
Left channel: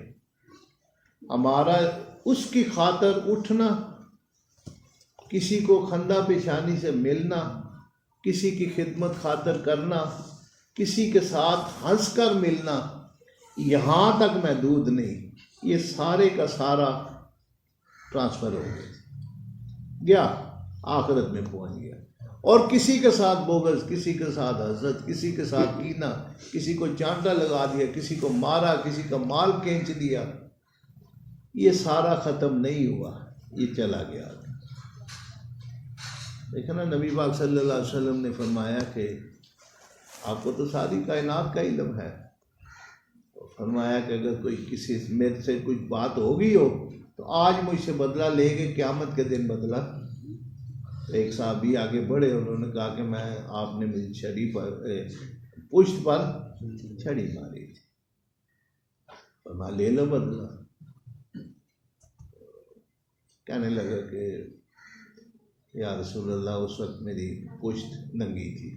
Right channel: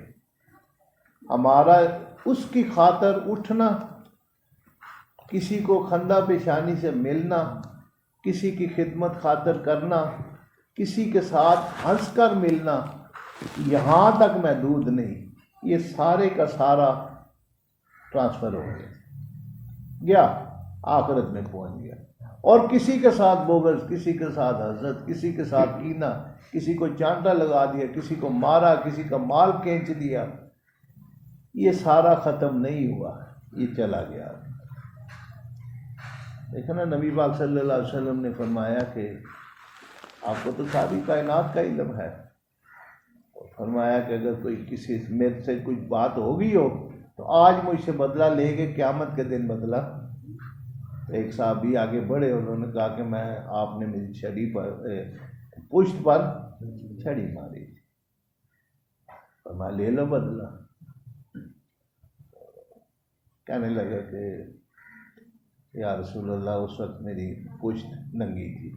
हमारा उसकी खातर उठना, किसी को खंदा पेशानी से मिलना, किसी की खिदमत खातर करना, किसी के साथ हंस कर मिलना, यहाँ तक महदूद नहीं, ये सारे का सारा ट्रांसफ़र हो गया, आखिरत में पहुँच गया। और किसी के साथ बोगस, किसी के साथ हसद, किसी के साथ कीना, किसी को चांटा लगा दिया, किसी को मारा, किसी का माल खींच दिया, ये सारा ख़त्म नहीं हुआ, ये चला गया। देखा ना, नबी पाक सल्लल्लाहु अलैहि वसल्लम ने फरमाया कि आपको तो सारी कायनात का इल्म है। फरमाया कि अगर कोई किसी मेरे से कुछ बात हो गई हो तो आज मुझसे बदला लेके क़यामत के दिन बदला। तो एक साहबी आगे बढ़े, उन्होंने कहा कि मैं आपने मेरी छड़ी पर पुष्ट पर छड़ी मारी थी, फरमाया ले लो बदला। कहने लगा कि या रसूल अल्लाह, उस वक्त मेरी पुष्ट नंगी थी।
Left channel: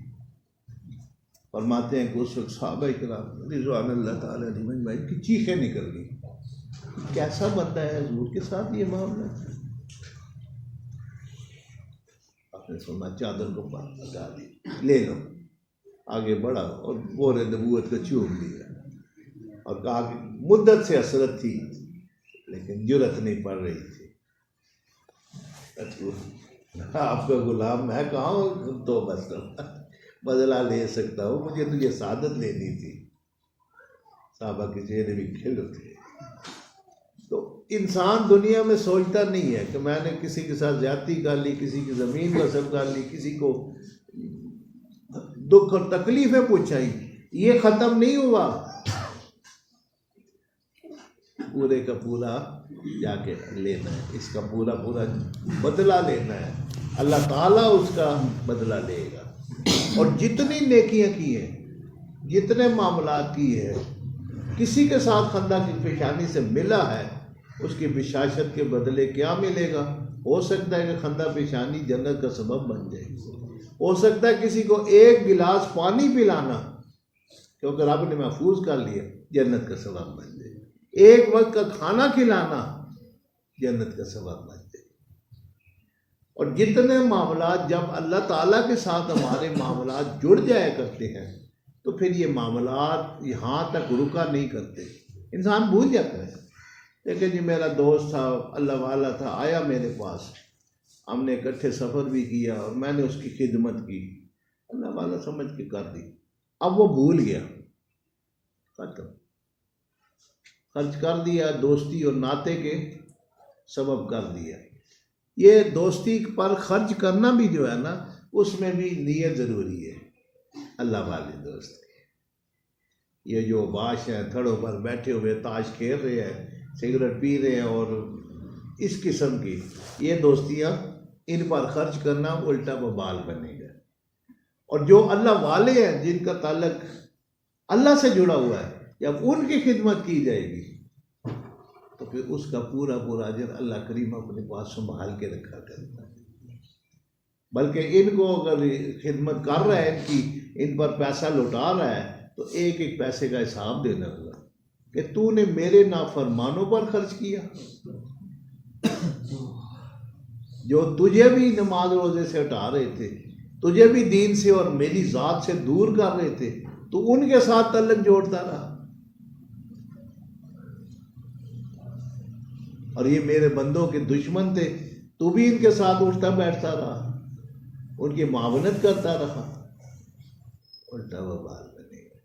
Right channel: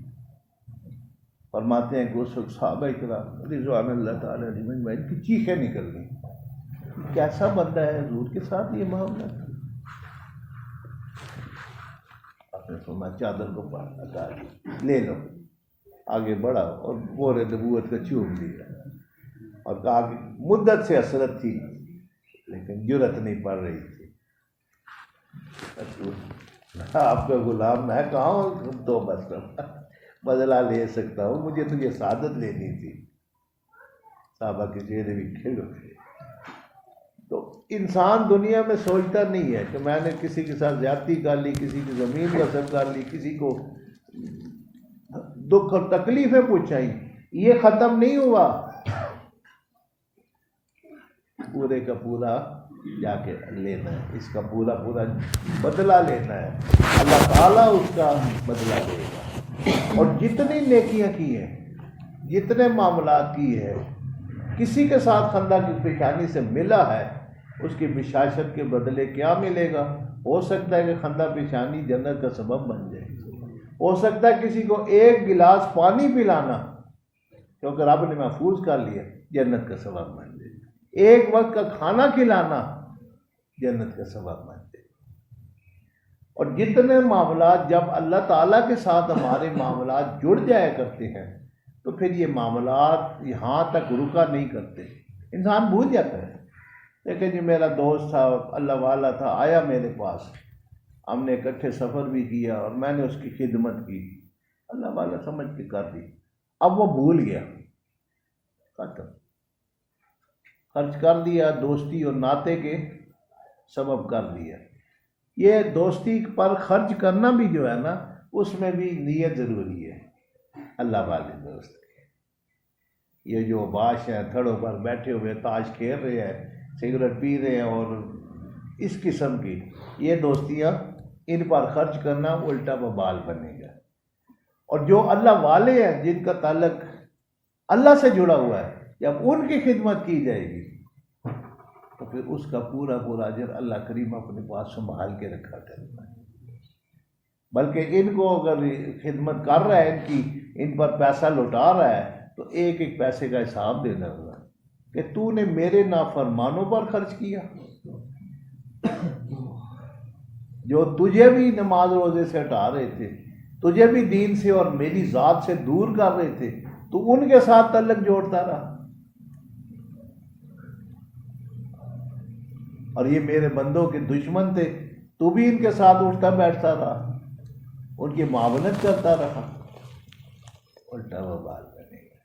फरमाते हैं कि उस वक्त सहाबा इकराम रिज़वानुल्लाह ताला अलैहिम की चीखें निकल गई, कैसा बंदा है हुजूर के साथ ये मामला। आपने फरमाया चादर को पार हटा दी, ले लो। आगे बढ़ा और बोरे नबूवत का चूम लिया और कहा कि मुद्दत से हसरत थी लेकिन जुरत नहीं पड़ रही थी। आपका गुलाम मैं कहाँ तो बस बदला ले सकता हूँ, मुझे तो ये सादत लेनी थी। साहबा के चेहरे भी खिल उठे। तो इंसान दुनिया में सोचता नहीं है कि मैंने किसी के साथ ज्यादती कर ली, किसी की ज़मीन गस्ब कर ली, किसी को दुख और तकलीफ़ें पहुँचाई, ये ख़त्म नहीं हुआ। पूरे का पूरा जाके लेना है, इसका पूरा पूरा बदला लेना है। अल्लाह ताला उसका बदला लेगा। और जितनी नेकियां की है, जितने मामलात की है, किसी के साथ खंदा की पेशानी से मिला है, उसकी बिशाशत के बदले क्या मिलेगा? हो सकता है कि खंदा पेशानी जन्नत का सबब बन जाए। हो सकता है किसी को एक गिलास पानी पिलाना, क्योंकि रब ने महफूज कर लिया, जन्नत का सबब बन जाए। एक वक्त का खाना खिलाना जन्नत का सबब बन जाए। और जितने मामलात जब अल्लाह ताला के साथ हमारे मामलात जुड़ जाया करते हैं तो फिर ये मामलात यहाँ तक रुका नहीं करते। इंसान भूल जाता है। लेकिन जी मेरा दोस्त था, अल्लाह वाला था, आया मेरे पास, हमने इकट्ठे सफ़र भी किया और मैंने उसकी खिदमत की, अल्लाह वाला समझ के कर दी। अब वो भूल गया, खत्म, खर्च कर दिया, दोस्ती और नाते के सबब कर दिया। ये दोस्ती पर खर्च करना भी जो है ना, उसमें भी नीयत ज़रूरी है। अल्लाह वाले दोस्त के, ये जो बाश हैं थड़ों पर बैठे हुए ताश खेल रहे हैं, सिगरेट पी रहे हैं और इस किस्म की ये दोस्तियाँ, इन पर खर्च करना उल्टा बबाल बनेगा। और जो अल्लाह वाले हैं जिनका ताल्लुक अल्लाह से जुड़ा हुआ है, जब उनकी खिदमत की जाएगी तो फिर उसका पूरा पूरा अजर अल्लाह करीम अपने पास संभाल के रखा करता है। बल्कि इनको अगर खिदमत कर रहा है, इनकी, इन पर पैसा लौटा रहा है, तो एक एक पैसे का हिसाब देना होगा कि तूने मेरे नाफरमानों पर खर्च किया, जो तुझे भी नमाज रोजे से हटा रहे थे, तुझे भी दीन से और मेरी ज़ात से दूर कर रहे थे, तो उनके साथ तल्लक जोड़ता रहा। और ये मेरे बंदों के दुश्मन थे, तू भी इनके साथ उठता बैठता रहा, उनकी मावनत करता रहा, उल्टा वबाल बनेगा।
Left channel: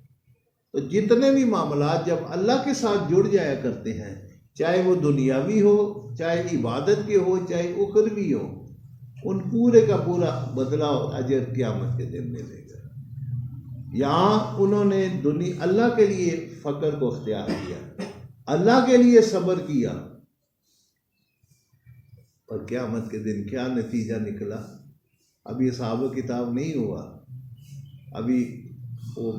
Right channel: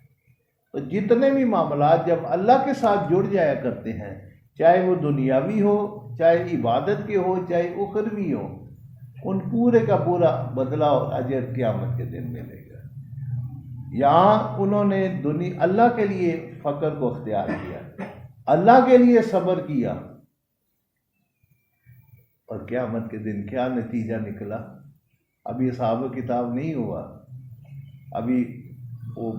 तो जितने भी मामलात जब अल्लाह के साथ जुड़ जाया करते हैं, चाहे वो दुनियावी हो, चाहे इबादत के हो, चाहे उखरवी हो, उन पूरे का पूरा बदला और अजर क़यामत के दिन मिलेगा। यहाँ उन्होंने अल्लाह के लिए फ़क्र को अख्तियार किया, अल्लाह के लिए सब्र किया, और क़यामत के दिन क्या नतीजा निकला। अभी हिसाब किताब नहीं हुआ, अभी वो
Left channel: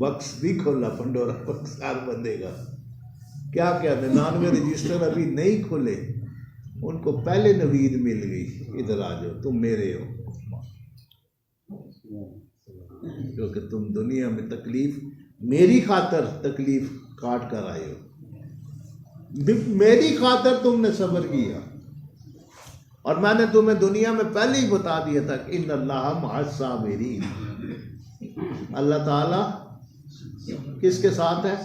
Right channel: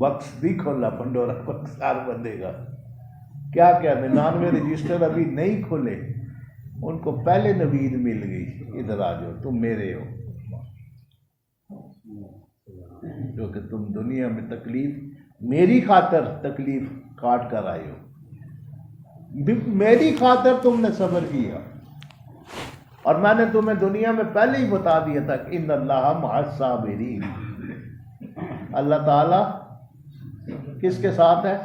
बक्स भी खोला, पंडोरा बक्स हर बंदे का, क्या क्या 99 रजिस्टर अभी नहीं खुले, उनको पहले नवीद मिल गई, इधर आ जाओ, तुम मेरे हो, क्योंकि तुम दुनिया में तकलीफ, मेरी खातर तकलीफ काट कर आए हो, मेरी खातर तुमने सब्र किया, और मैंने तुम्हें दुनिया में पहले ही बता दिया था कि इन्नल्लाह मअस साबिरीन, अल्लाह ताला किसके साथ है?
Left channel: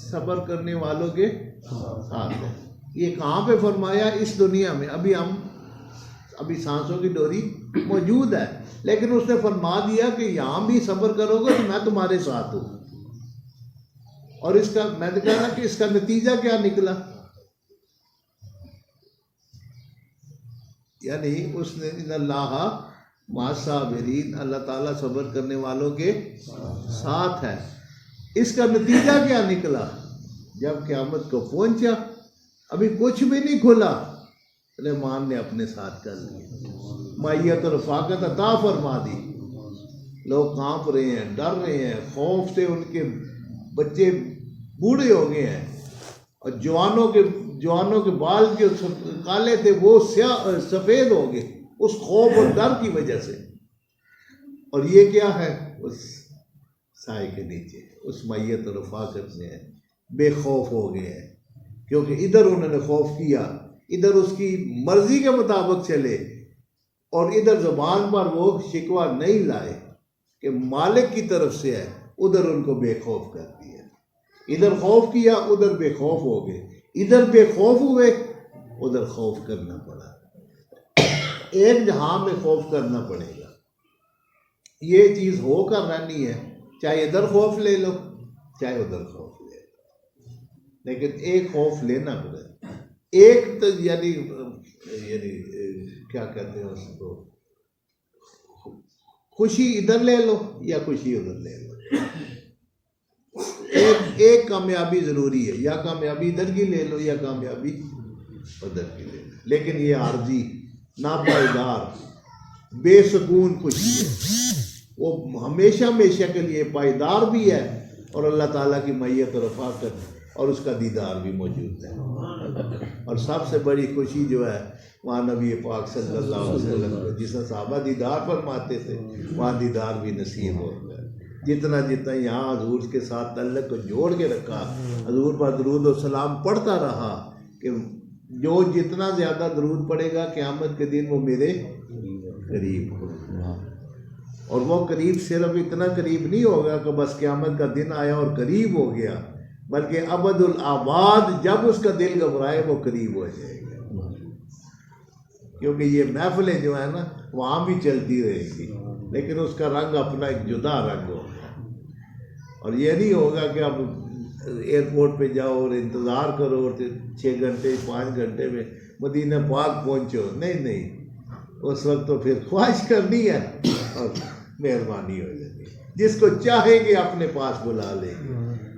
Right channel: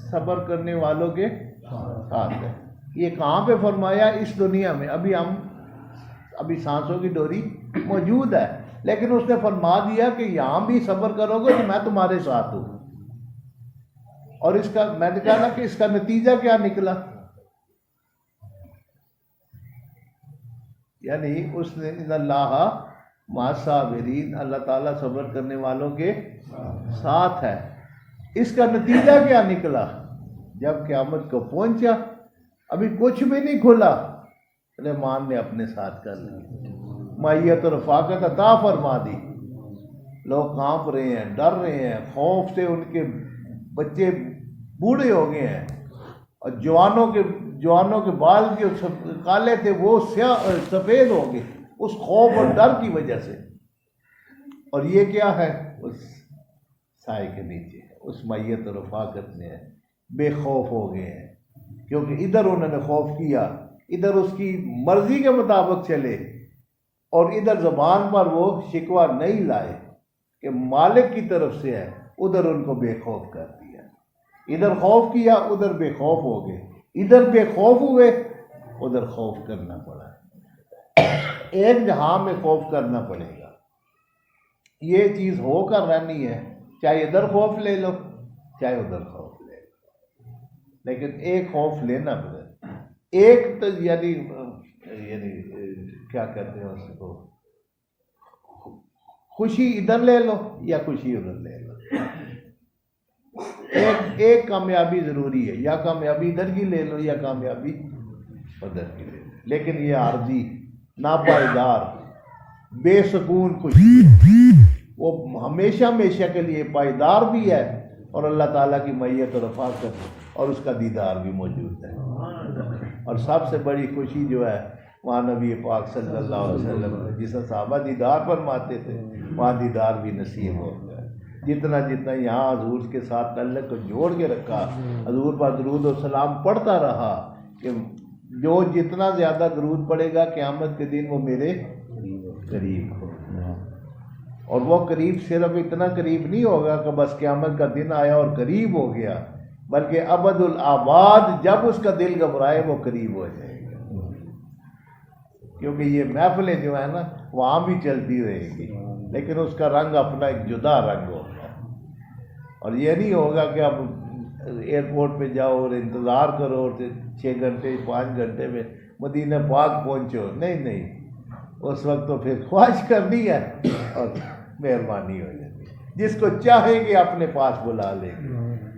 सब्र करने वालों के साथ है। ये कहाँ पे फरमाया? इस दुनिया में। अभी सांसों की डोरी मौजूद है, लेकिन उसने फरमा दिया कि यहाँ भी सब्र करोगे तो मैं तुम्हारे साथ हूँ। और इसका मैंने कहा ना कि इसका नतीजा क्या निकला, यानी उसने इन्नल्लाह मअस साबिरीन, अल्लाह ताला सब्र करने वालों के साथ है। इसका नतीजा क्या निकला? जब क़यामत को पहुंचा, अभी कुछ भी नहीं खुला, रहमान ने अपने साथ कर लिया, मायत और रफ़ाकत अता फरमा दी। लोग कांप रहे हैं, डर रहे हैं, खौफ से उनके बच्चे बूढ़े हो गए हैं, और जवानों के बाल जो काले थे वो सफ़ेद हो गए उस खौफ और डर की वजह से। और ये क्या है? उस साए के नीचे, उस मैयत और रफ़ाकत में बेखौफ हो गए हैं, क्योंकि इधर उन्होंने खौफ किया, इधर उसकी मर्जी के मुताबिक चले, और इधर ज़बान पर वो शिकवा नहीं लाए कि मालिक की तरफ से है, उधर उनको बेखौफ कर दिया। इधर खौफ किया, उधर बेखौफ हो गए, इधर बेखौफ हुए, उधर खौफ करना पड़ा। एक जहां में खौफ करना पड़ेगा, ये चीज़ होकर रहनी है, चाहे इधर खौफ ले लो चाहे उधर खौफ ले लो, लेकिन एक खौफ लेना पड़ेगा। एक तो यानी क्या कहते हैं उसको, खुशी इधर ले लो या खुशी उधर ले लो, एक कामयाबी ज़रूरी है, या कामयाबी इधर की ले लो या कामयाबी उधर की ले लो। लेकिन ये आर्जी, नापायदार, बेसकून खुशी है, वो हमेशा हमेशा के लिए पायदार भी है, और अल्लाह ताला की मैयत और रफ़ाकत और उसका दीदार भी मौजूद है। और सबसे बड़ी खुशी जो है वहाँ नबी पाक सल्लल्लाहु अलैहि वसल्लम जिस सहाबा दीदार फरमाते थे वहाँ दीदार भी नसीब हो गया। जितना जितना यहाँ हजूर के साथ तल्लुक़ को जोड़ के रखा, हजूर पर दरूद और सलाम पढ़ता रहा कि जो जितना ज़्यादा दरूद पड़ेगा क़यामत के दिन वो मेरे करीब होगा। और वो करीब सिर्फ इतना करीब नहीं होगा कि बस क़यामत का दिन आया और करीब हो गया, बल्कि अबदुल आबाद जब उसका दिल घबराए वो करीब हो जाएगा। क्योंकि ये महफिलें जो है ना वहाँ भी चलती रहेगी, लेकिन उसका रंग अपना एक जुदा रंग होगा। और ये नहीं होगा कि अब एयरपोर्ट पे जाओ और इंतज़ार करो और 6 घंटे 5 घंटे में मदीना पाक पहुँचो। नहीं नहीं, उस वक्त तो फिर ख्वाहिश करनी है और मेहरबानी हो जाती है। जिसको चाहेंगे अपने पास बुला लेंगे,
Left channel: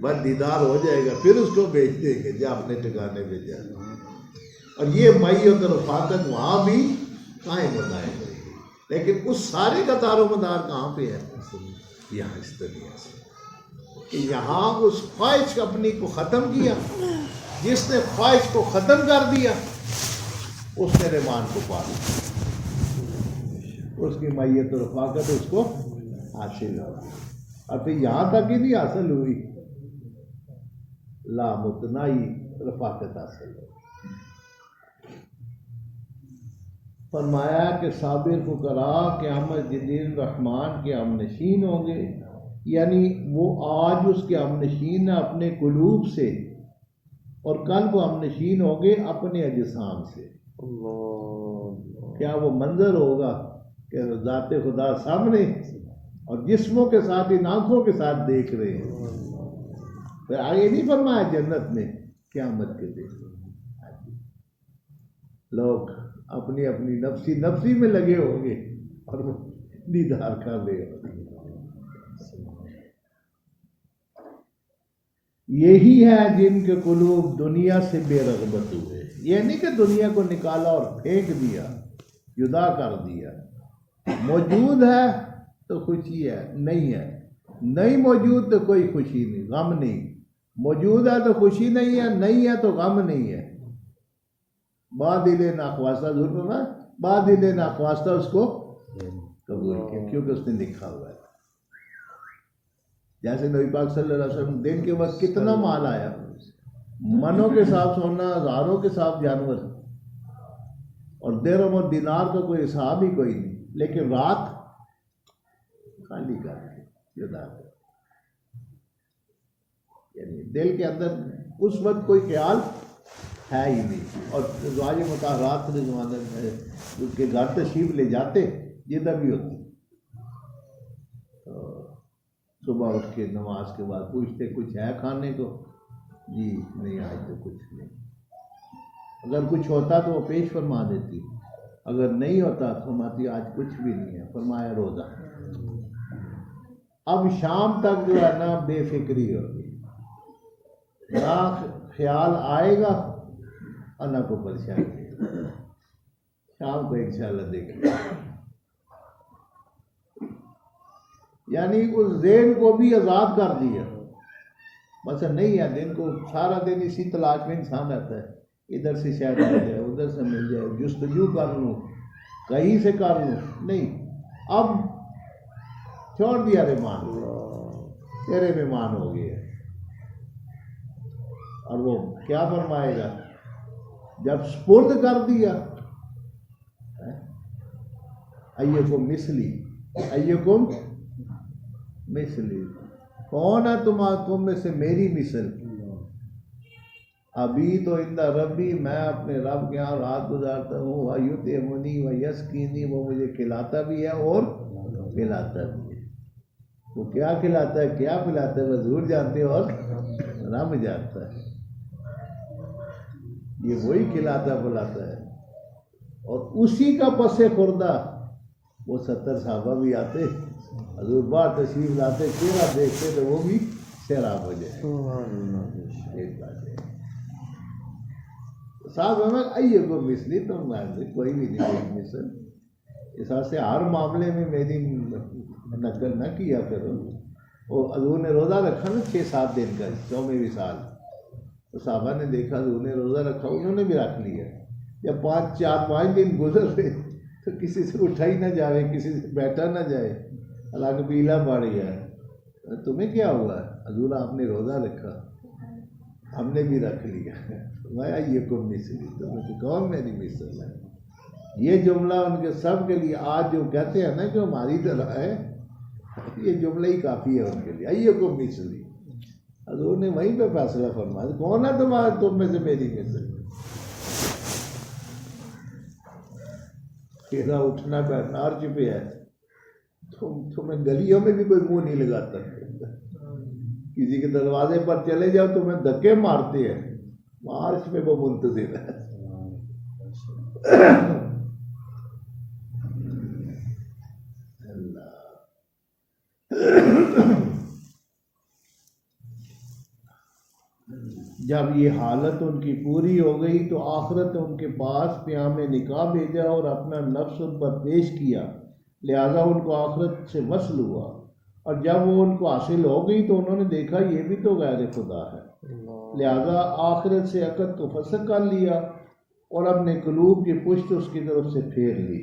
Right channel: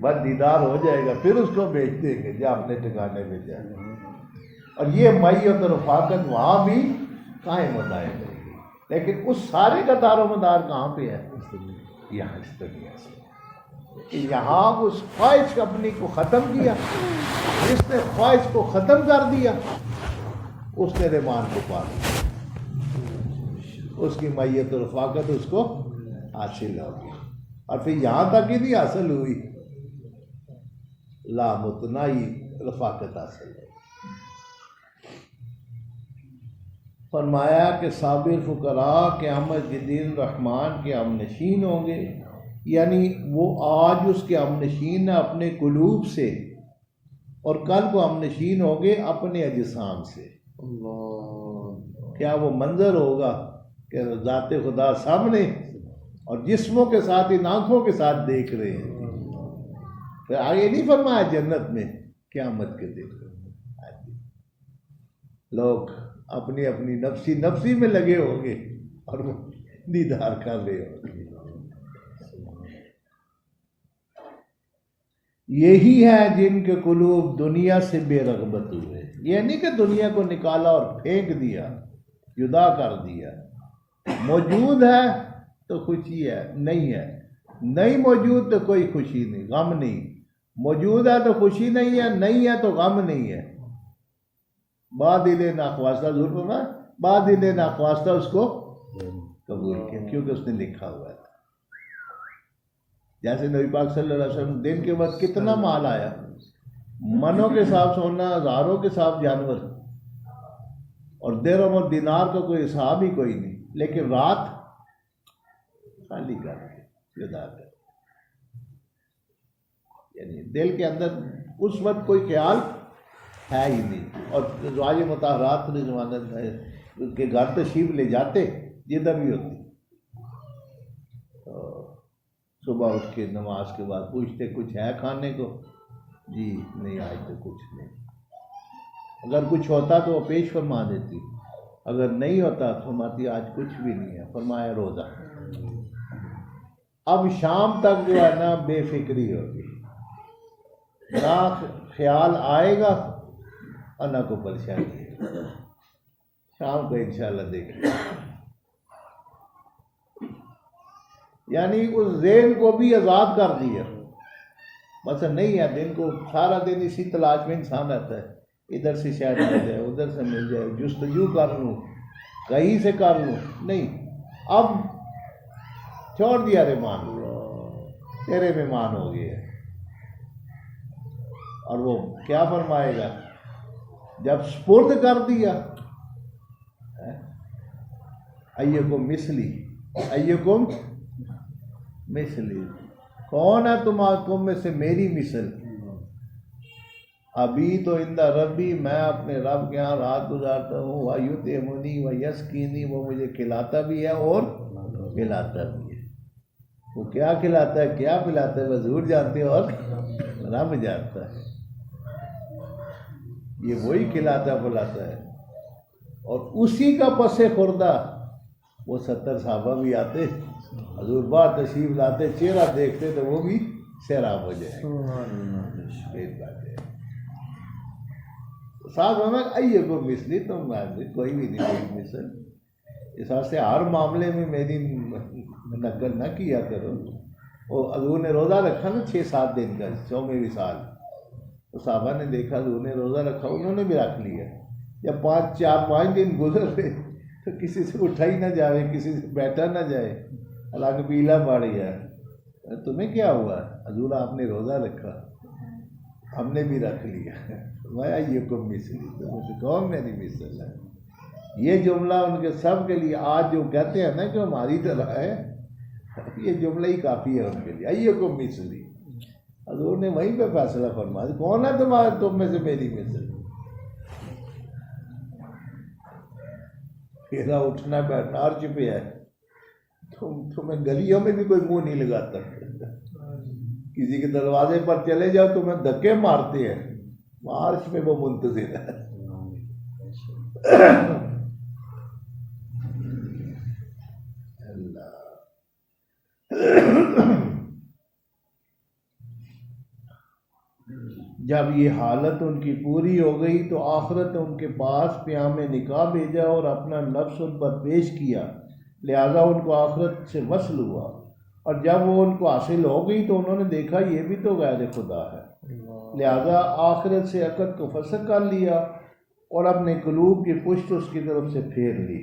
बस दीदार हो जाएगा, फिर उसको भेज देंगे जा अपने ठिकाने पे जा। और ये मय्यत और रफ़ाकत वहाँ भी कायम बताई जाएगी, लेकिन उस सारे का दारोमदार कहाँ पे है? यहाँ इस दुनिया से। कि यहाँ उस ख्वाहिश अपनी को ख़त्म किया, जिसने ख्वाहिश को ख़त्म कर दिया उसने रहमान को पा लिया, उसकी मय्यत और रफ़ाकत उसको हासिल होगी। और फिर यहाँ तक ही नहीं हासिल हुई, लामुतनाई रफ़ाकत हासिल है। फरमाया कि साबिर फुकरा क़यामत के दिन रहमान के हमनशीन होंगे, यानी वो आज उसके हमनशीन अपने कुलूब से और कल को हमनशीन होंगे अपने अजसाम से। क्या वो मंजर होगा कि ज़ाते खुदा सामने और जिस्मों के साथ इन आँखों के साथ देख रहे हैं। फिर आगे नहीं फरमाया जन्नत में क़यामत के दिन लोग अपनी अपनी नफ्सी नफ्सी में लगे होंगे और वो दीदार कर रहे होंगे। यही है जिनके कुलूब दुनिया से बेरग़बत हुए। ये नहीं कि दुनिया को निकाला और फेंक दिया, जुदा कर दिया। मौजूद है तो खुशी है, नहीं है नहीं मौजूद तो कोई खुशी नहीं, गम नहीं। मौजूद है तो खुशी नहीं है, नहीं है तो गम नहीं है। बादिले नाख्वास्ता जरूर ना, बादिले नाख्वास्ता उसको कबूल किया क्योंकि उसने लिखा हुआ है। जैसे नबी पाक सल्लल्लाहु अलैहि वसल्लम दिन के वक्त कितना माल आया, मनों के साथ सोना, हज़ारों के साथ जानवर, और दिरहम और दिनार का कोई हिसाब ही कोई नहीं, लेकिन रात खाली करके जुदा कर, यानी दिल के अंदर उस वक्त कोई ख्याल है ही नहीं। और राज मुताहरात के घर तशरीफ ले जाते जिधर भी होती, तो सुबह उठ के नमाज के बाद पूछते कुछ है खाने को? जी नहीं, आज तो कुछ नहीं। अगर कुछ होता तो वो पेश फरमा देती, अगर नहीं होता फरमाती आज कुछ भी नहीं है। फरमाया रोज़ा। अब शाम तक जो है ना बेफिक्री होगी, ना ख्याल आएगा और ना को परेशानी। शाम को इंशाल्लाह देखेंगे। यानी उस ज़हन को भी आज़ाद कर दिया। बस नहीं है, दिन को सारा दिन इसी तलाश में इंसान रहता है, इधर से शायद आ जाए, उधर से मिल जाए, जुस्तजू कर लूँ, कहीं से कर लूँ। नहीं, अब छोड़ दिया रहमान, तेरे मेहमान हो गए। और वो क्या फरमाएगा जब स्पुर्द कर दिया, अय्युकुम मिसली, अय्युकुम मिसली, कौन है तुम में से मेरी मिसल? अभी तो इंदा रब्बी, मैं अपने रब के यहाँ रात गुजारता हूँ। वयुतइमुनी व यस्कीनी, वो मुझे खिलाता भी है और पिलाता भी है। वो क्या खिलाता है क्या पिलाता है हजूर जानते हो और रब जानता है। ये वही खिलाता पिलाता है। और उसी का पसे खुर्दा वो 70 साहबा भी आते, हजूर बार तशरीफ लाते, चेहरा देखते तो वो भी सैराब हो जाए। एक बात है साहब हमें आइए को मिसली, तो कोई भी नहीं मिसल। इस से हर मामले में मेरी नकल न किया करो। वो हजूर ने रोज़ा रखा ना 6-7 दिन का 100वें साल, तो साहबा ने देखा हजूर ने रोज़ा रखा, उन्होंने भी रख लिया। जब 4-5 दिन गुजर गए तो किसी से उठा ही ना जाए, किसी से बैठा ना जाए, हालांकि पीला पड़ गया। तुम्हें क्या हुआ? हजूर आपने रोज़ा रखा, हमने भी रख लिया। मैं ये को मिसली, तो कौन मेरी मिसल है? ये जुमला उनके सब के लिए आज जो कहते हैं ना कि हमारी तरह है, ये जुमला ही काफ़ी है उनके लिए। ये को मिसली, हजूर ने वहीं पे फैसला फरमाया, कौन है तुम्हारे तुम में से मेरी मिसल? तेरा उठना बैठना अर्ज पे है, तुम्हें गलियों में भी कोई मुंह नहीं लगाता। किसी के दरवाजे पर चले जाओ तुम्हें धक्के मारते हैं, मार्च में वो मुंतजिर है। जब ये हालत उनकी पूरी हो गई तो आखिरत उनके पास प्याम निकाह भेजा और अपना नफ्स उन पर पेश किया, लिहाजा उनको आखिरत से वसल हुआ। और जब वो उनको हासिल हो गई तो उन्होंने देखा ये भी तो गैर खुदा है, लिहाजा आखिरत से अकद को फसक कर लिया और अपने कलूब की पुष्ट उसकी तरफ से फेर ली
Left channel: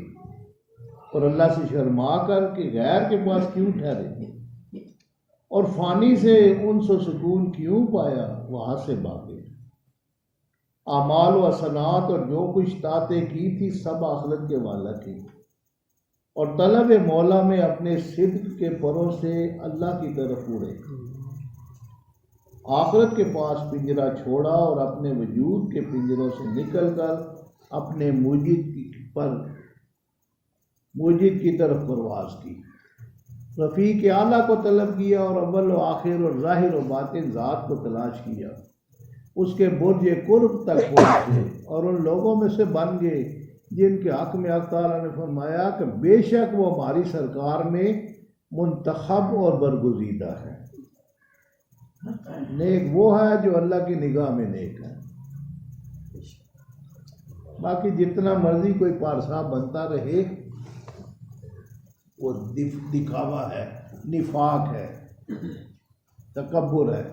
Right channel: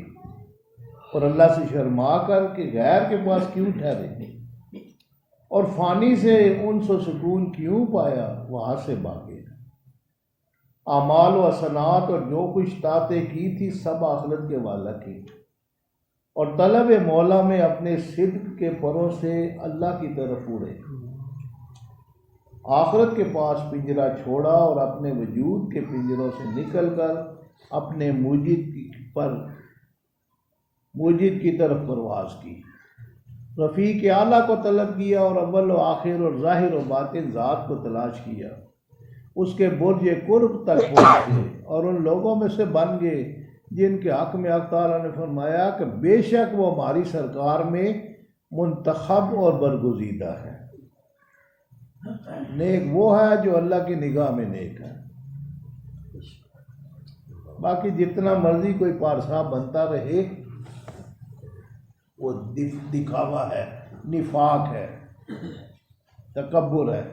और अल्लाह से शर्मा कर कि गैर के पास क्यों ठहरे और फ़ानी से उनसे सुकून क्यों पाया, वहाँ से भागे। आमाल व सनात और जो कुछ ताते की थी सब आखिरत के वाला की, और तलब मौला में अपने सिद्क के परों से अल्लाह की तरफ उड़े। आखिरत के पास पिंजरा छोड़ा और अपने वजूद के पिंजरों से निकलकर अपने मुजीद की तरफ परवाज की। रफ़ीक आला को तलब किया और अव्वल व आखिर और ज़ाहिर व बातिन ज़ात को तलाश किया। उसके बुर्ज कुर्ब तक पहुँचे और उन लोगों में से बन गए जिनके हक़ में अल्लाह ताला ने फरमाया कि बेशक वो हमारी सरकार में मुंतखब और बरगुज़ीदा है। नेक वो है जो अल्लाह की निगाह में नेक है। बाकी जितना मर्जी कोई पारसा बनता रहे, वो दिखावा है, निफाक है, तकब्बुर है,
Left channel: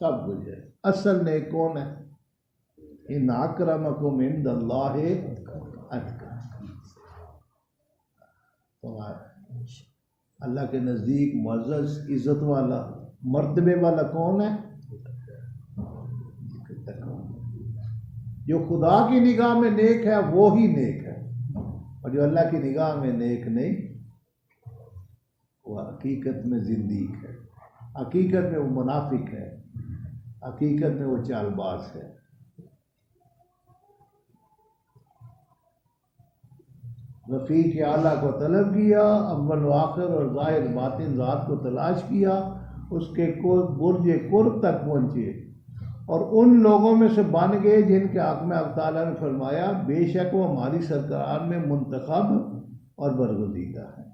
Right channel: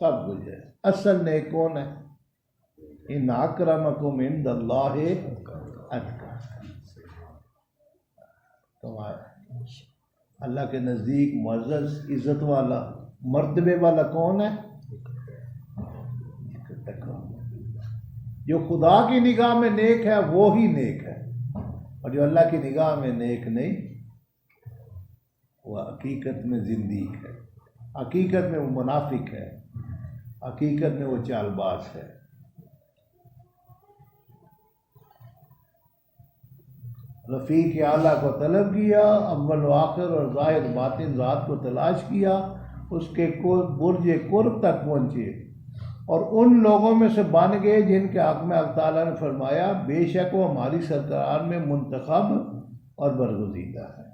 सब कुछ है। असल नेक कौन है? इन अक्रमकुम इंदल्लाहि अतकाकुम। तुम्हारा अल्लाह के नज़दीक मुअज़्ज़ज़ इज़्ज़त वाला मर्तबे वाला कौन है? जो खुदा की निगाह में नेक है वो ही नेक है, और जो अल्लाह की निगाह में नेक नहीं वो हकीकत में ज़िंदीक है, हकीकत में वो मुनाफिक है, हकीकत में वो चालबाज है। रफ़ीक आला को तलब किया, अव्वल व आखिर और ज़ाहिर बातिन ज़ात को तलाश किया, उसके बुर्ज कुर्ब तक पहुँचे और उन लोगों में से बन गए जिनके हक़ में अल्लाह ताला ने फरमाया बेशक वो हमारी सरकार में मुंतखब और बरगुज़ीदा है,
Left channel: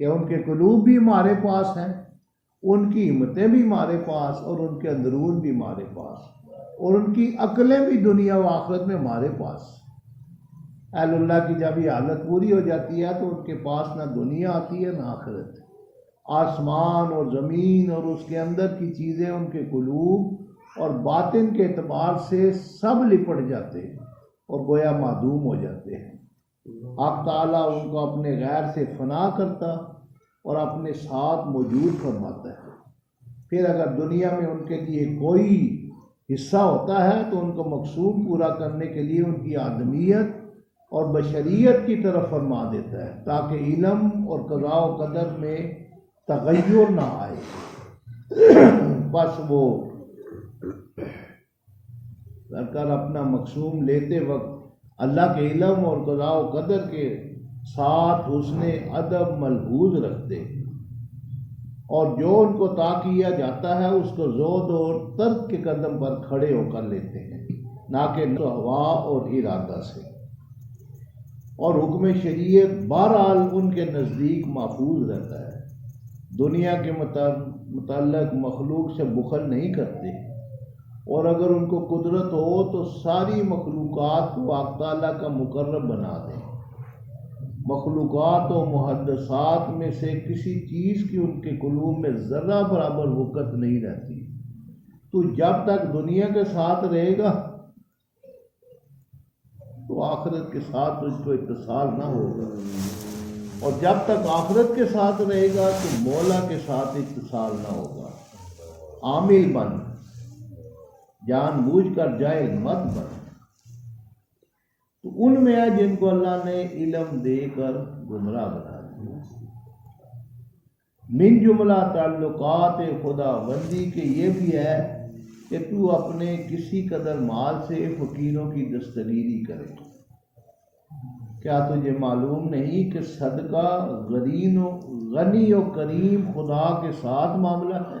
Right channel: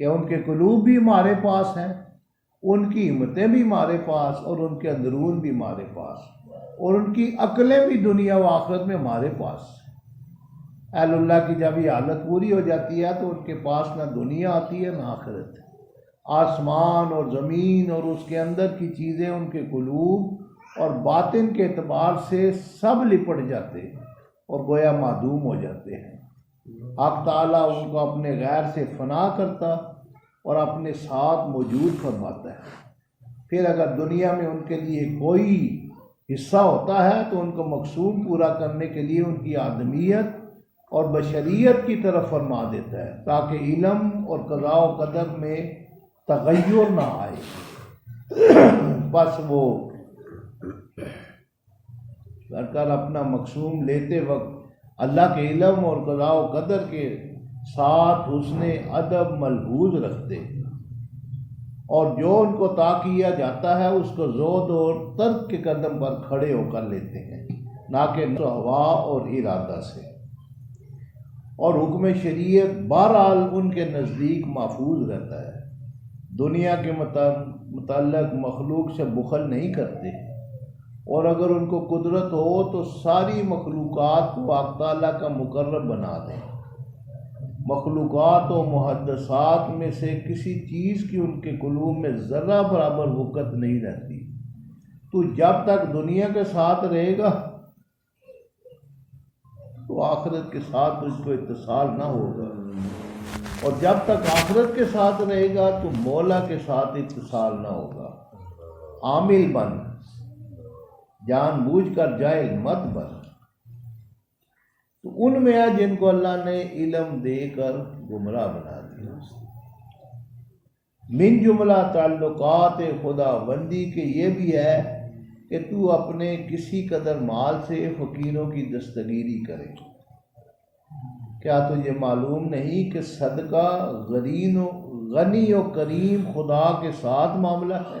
कि उनके कुलूब भी हमारे पास हैं, उनकी हिम्मतें भी हमारे पास और उनके अंदरून भी हमारे पास और उनकी अक्लें भी दुनिया व आखिरत में हमारे पास। अल्लाह की जब ये हालत पूरी हो जाती है तो उनके पास ना दुनिया आती है ना आखिरत। आसमान और ज़मीन और उसके अंदर की चीज़ें उनके कुलूब और बातिन के एतबार से सब लिपट जाते हैं और गोया मादूम हो जाते हैं। हक़ ताला उनको अपने गैर से फना करता और अपने साथ मौजूद फरमाता है। फिर अगर दुनिया में उनके लिए कोई हिस्सा होता है तो उनको मकसूद पूरा करने के लिए उनकी आदमियत और बशरियत की तरफ फरमा देता है, ताकि इल्म और क़ज़ा व क़दर में तग़य्युर ना आए। बस वो सरकार अपना मकसूम लेते वक्त अल्लाह के इल्म और क़ज़ा व क़दर के साथ उसने अदब मलहूज़ रखते और जो उनको ता किया जाता है उसको ज़ोद और तर्क के कदम पर खड़े होकर लेते हैं, ना कि हवा और इरादा से। और हुक्म शरीयत बहरहाल उनके नज़दीक महफूज रहता है। दुनिया के मुतल्लक़ मखलूक से बुखल नहीं करते और अगर उनको कुदरत हो तो सारी मखलूक़ात को अल्लाह ताला का मुकर्रब बना दें। मखलूक़ात व मुहद्दसात में से किसी चीज़ की उनके कुलूब में ज़र्रा बराबर वक़्त नहीं रहती। तो जब तक दुनिया के साथ रहेगा तो तो आखिरत के साथ उसको इत्तिसाल ना होगा, और जब तक आखिरत के साथ रहेगा तो मौला के साथ इत्तिसाल ना होगा। आमिल बन, जानबूझ कर जाहिल मत बन। तो उनमें है जिनको अल्लाह ने इल्म देकर गुमराह बना दिया। मिन जुमला ताल्लुकात खुदाबंदी के ये भी है कि तू अपने किसी कदर माल से फ़कीरों की दस्तगीरी करे। क्या तुझे मालूम नहीं कि सदका गनी और करीम खुदा के साथ मामला है,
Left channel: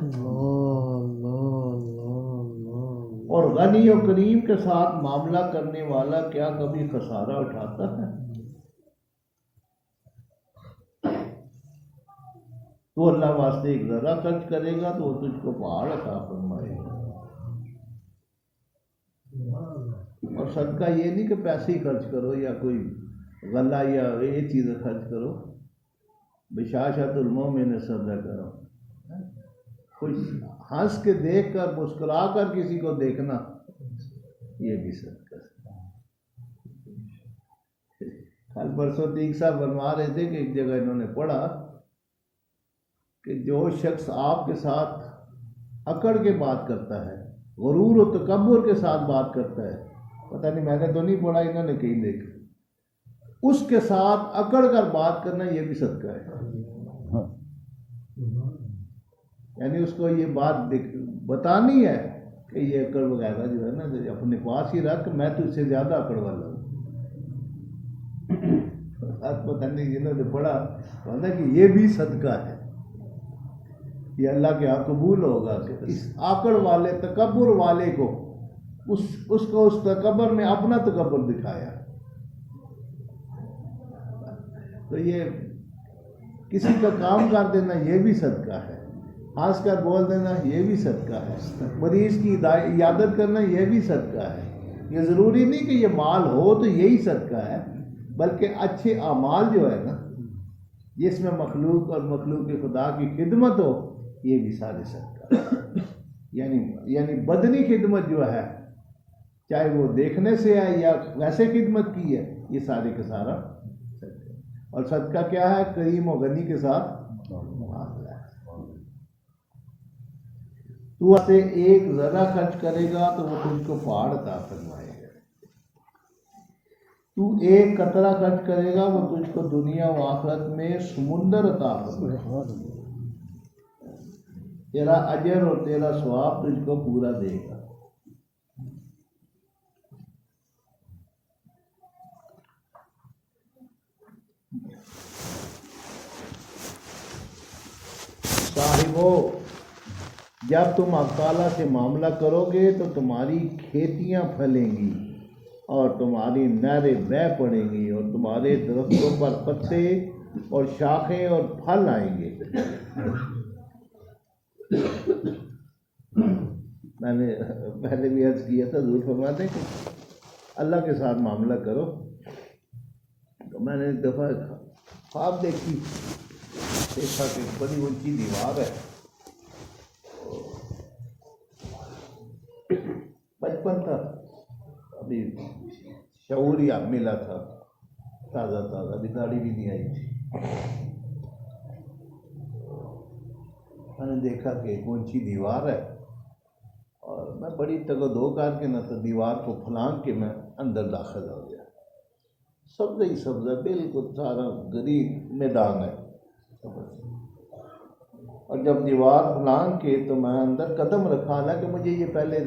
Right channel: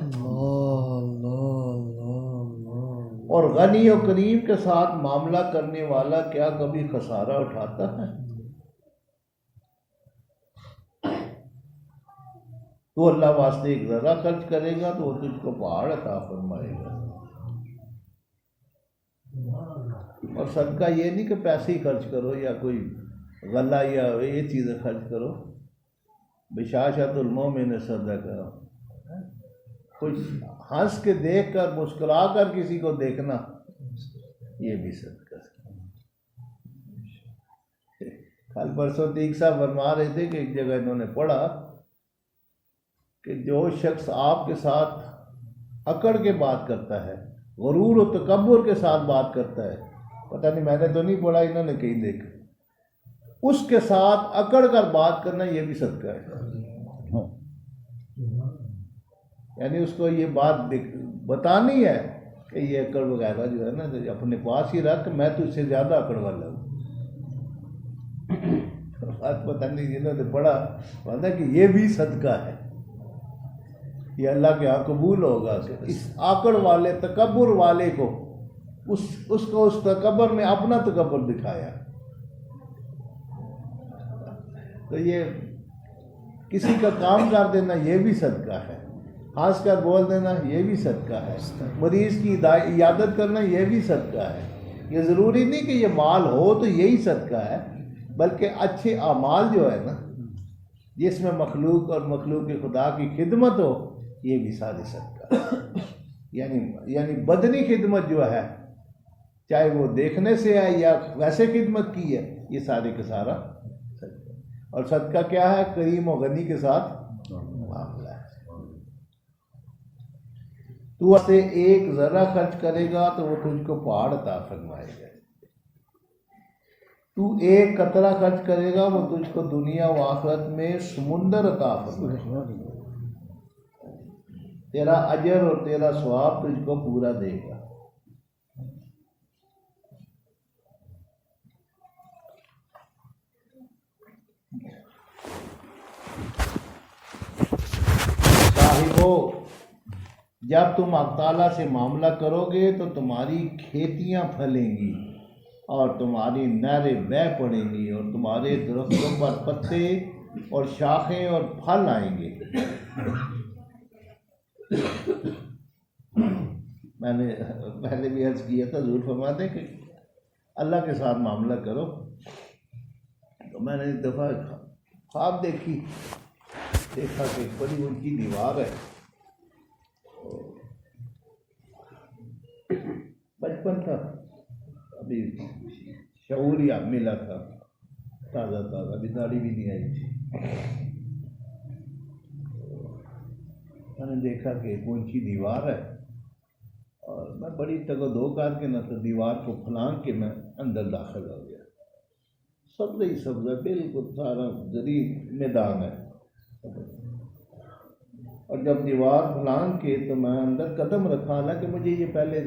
और गनी और करीम के साथ मामला करने वाला क्या कभी खसारा उठाता है? तो अल्लाह वास्ते एक ज़रा खर्च करेगा तो वो तुझको पहाड़ अता फरमाएगा। और सदका ये नहीं कि पैसे ही खर्च करो या कोई गला या ये चीज़ें खर्च करो। बिशाशतुल मोमिन सदा करो, कुछ हंस के देख कर मुस्कुरा कर किसी को देखना, ये भी सदका। कल परसों तीक साहब फरमा रहे थे कि एक जगह इन्होंने पढ़ा कि जो शख्स आपके साथ अकड़ के बात करता है, गुरूर और तकब्बुर के साथ बात करता है, पता नहीं मैंने तो नहीं पढ़ा, इन्होंने कहीं देखा, उसके साथ अकड़ कर बात करना ये भी सदका है। यानी उसको ये बात बतानी है कि ये अकड़ वगैरह जो है ना तो अपने पास ही रख, मैं तो इससे ज़्यादा अकड़ वाला हूँ। पता नहीं जिन्होंने पढ़ा पता कि ये भी सदका है, ये अल्लाह के यहाँ कबूल होगा। इस आकड़ वाले तकब्बुर वाले को उसको उस तकब्बुर में अपना तकब्बुर दिखाया। तो ये किसी का काम कर देना ये भी सदका है, हंस कर बोल देना ये भी सदका है, मरीज की इयादत करना ये भी सदका है। ये ज़रूरी नहीं कि ये माल हो तो यही सदका है, बल्कि अच्छे अमाल जो है ना जिसमें मखलूक और मखलूक के खुदा की खिदमत हो, ये भी सारे सदका है। यानी बदनी खिदमत जो है, चाहे वो देखने से है या वैसे खिदमत की है, ये सारे का सारा सदका। और सदका क्या है? करीम और गनी के साथ मामला है। तू से एक ज़रा खर्च करेगा तो वो तुझको पहाड़ अता फरमाएगा। तू एक कतरा खर्च करेगा वो तुझको दुनिया व आखिरत में समुंदर अता फरमाएगा। तेरा अजर और तेरा सवाब तुझको पूरा देगा। साहिबो, जब तुम अल्लाह ताला से मामला करोगे तो तुम्हारी खेतियां फलेंगी और तुम्हारी नहरें बह पड़ेंगी और तुम्हारे दरख्तों पर पत्ते और शाखें और फल आएंगे। मैंने पहले भी अर्ज किया था, ज़रूर फरमाते कि अल्लाह के साथ मामला करो। तो मैंने एक दफ़ा ख्वाब देखा कि बड़ी ऊंची दीवार है। बचपन था, अभी शऊर या मिला था ताज़ा, अभी दाढ़ी भी नहीं आई थी। मैंने देखा कि एक ऊंची दीवार है और मैं बड़ी तगदो करके ना तो दीवार को फलांग के मैं अंदर दाखिल हो गया। सब्ज़ ही सब्ज़, बिल्कुल सारा गरीब मैदान है। और जब दीवार फलांग के तो मैं अंदर कदम रखा, हालांकि मुझे ये पहले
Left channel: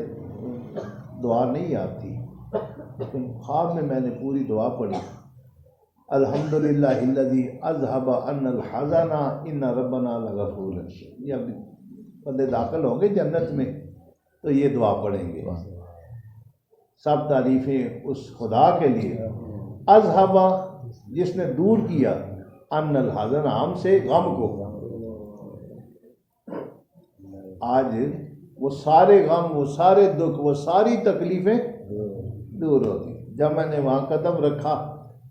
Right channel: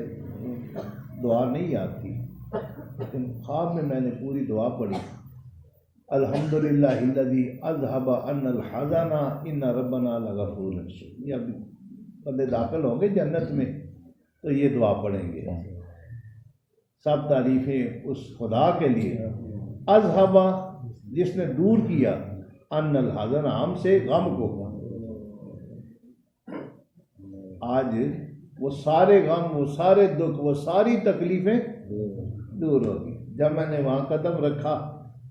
दुआ नहीं आती, लेकिन ख्वाब में मैंने पूरी दुआ पढ़ी। अल्हम्दुलिल्लाहिल्लज़ी अज़हबा अन्नल हज़ना इन्ना रब्बना लगफ़ूर रहीम। ये अभी बंदे दाखिल होंगे जन्नत में तो ये दुआ पढ़ेंगे। सब तारीफ़ें उस खुदा के लिए, अज़हबा जिसने दूर किया, अन्नल हज़ना हमसे गम को। आज वो सारे गम, वो सारे दुख, वो सारी तकलीफ़ें दूर होगी। जब मैंने वहाँ कदम रखा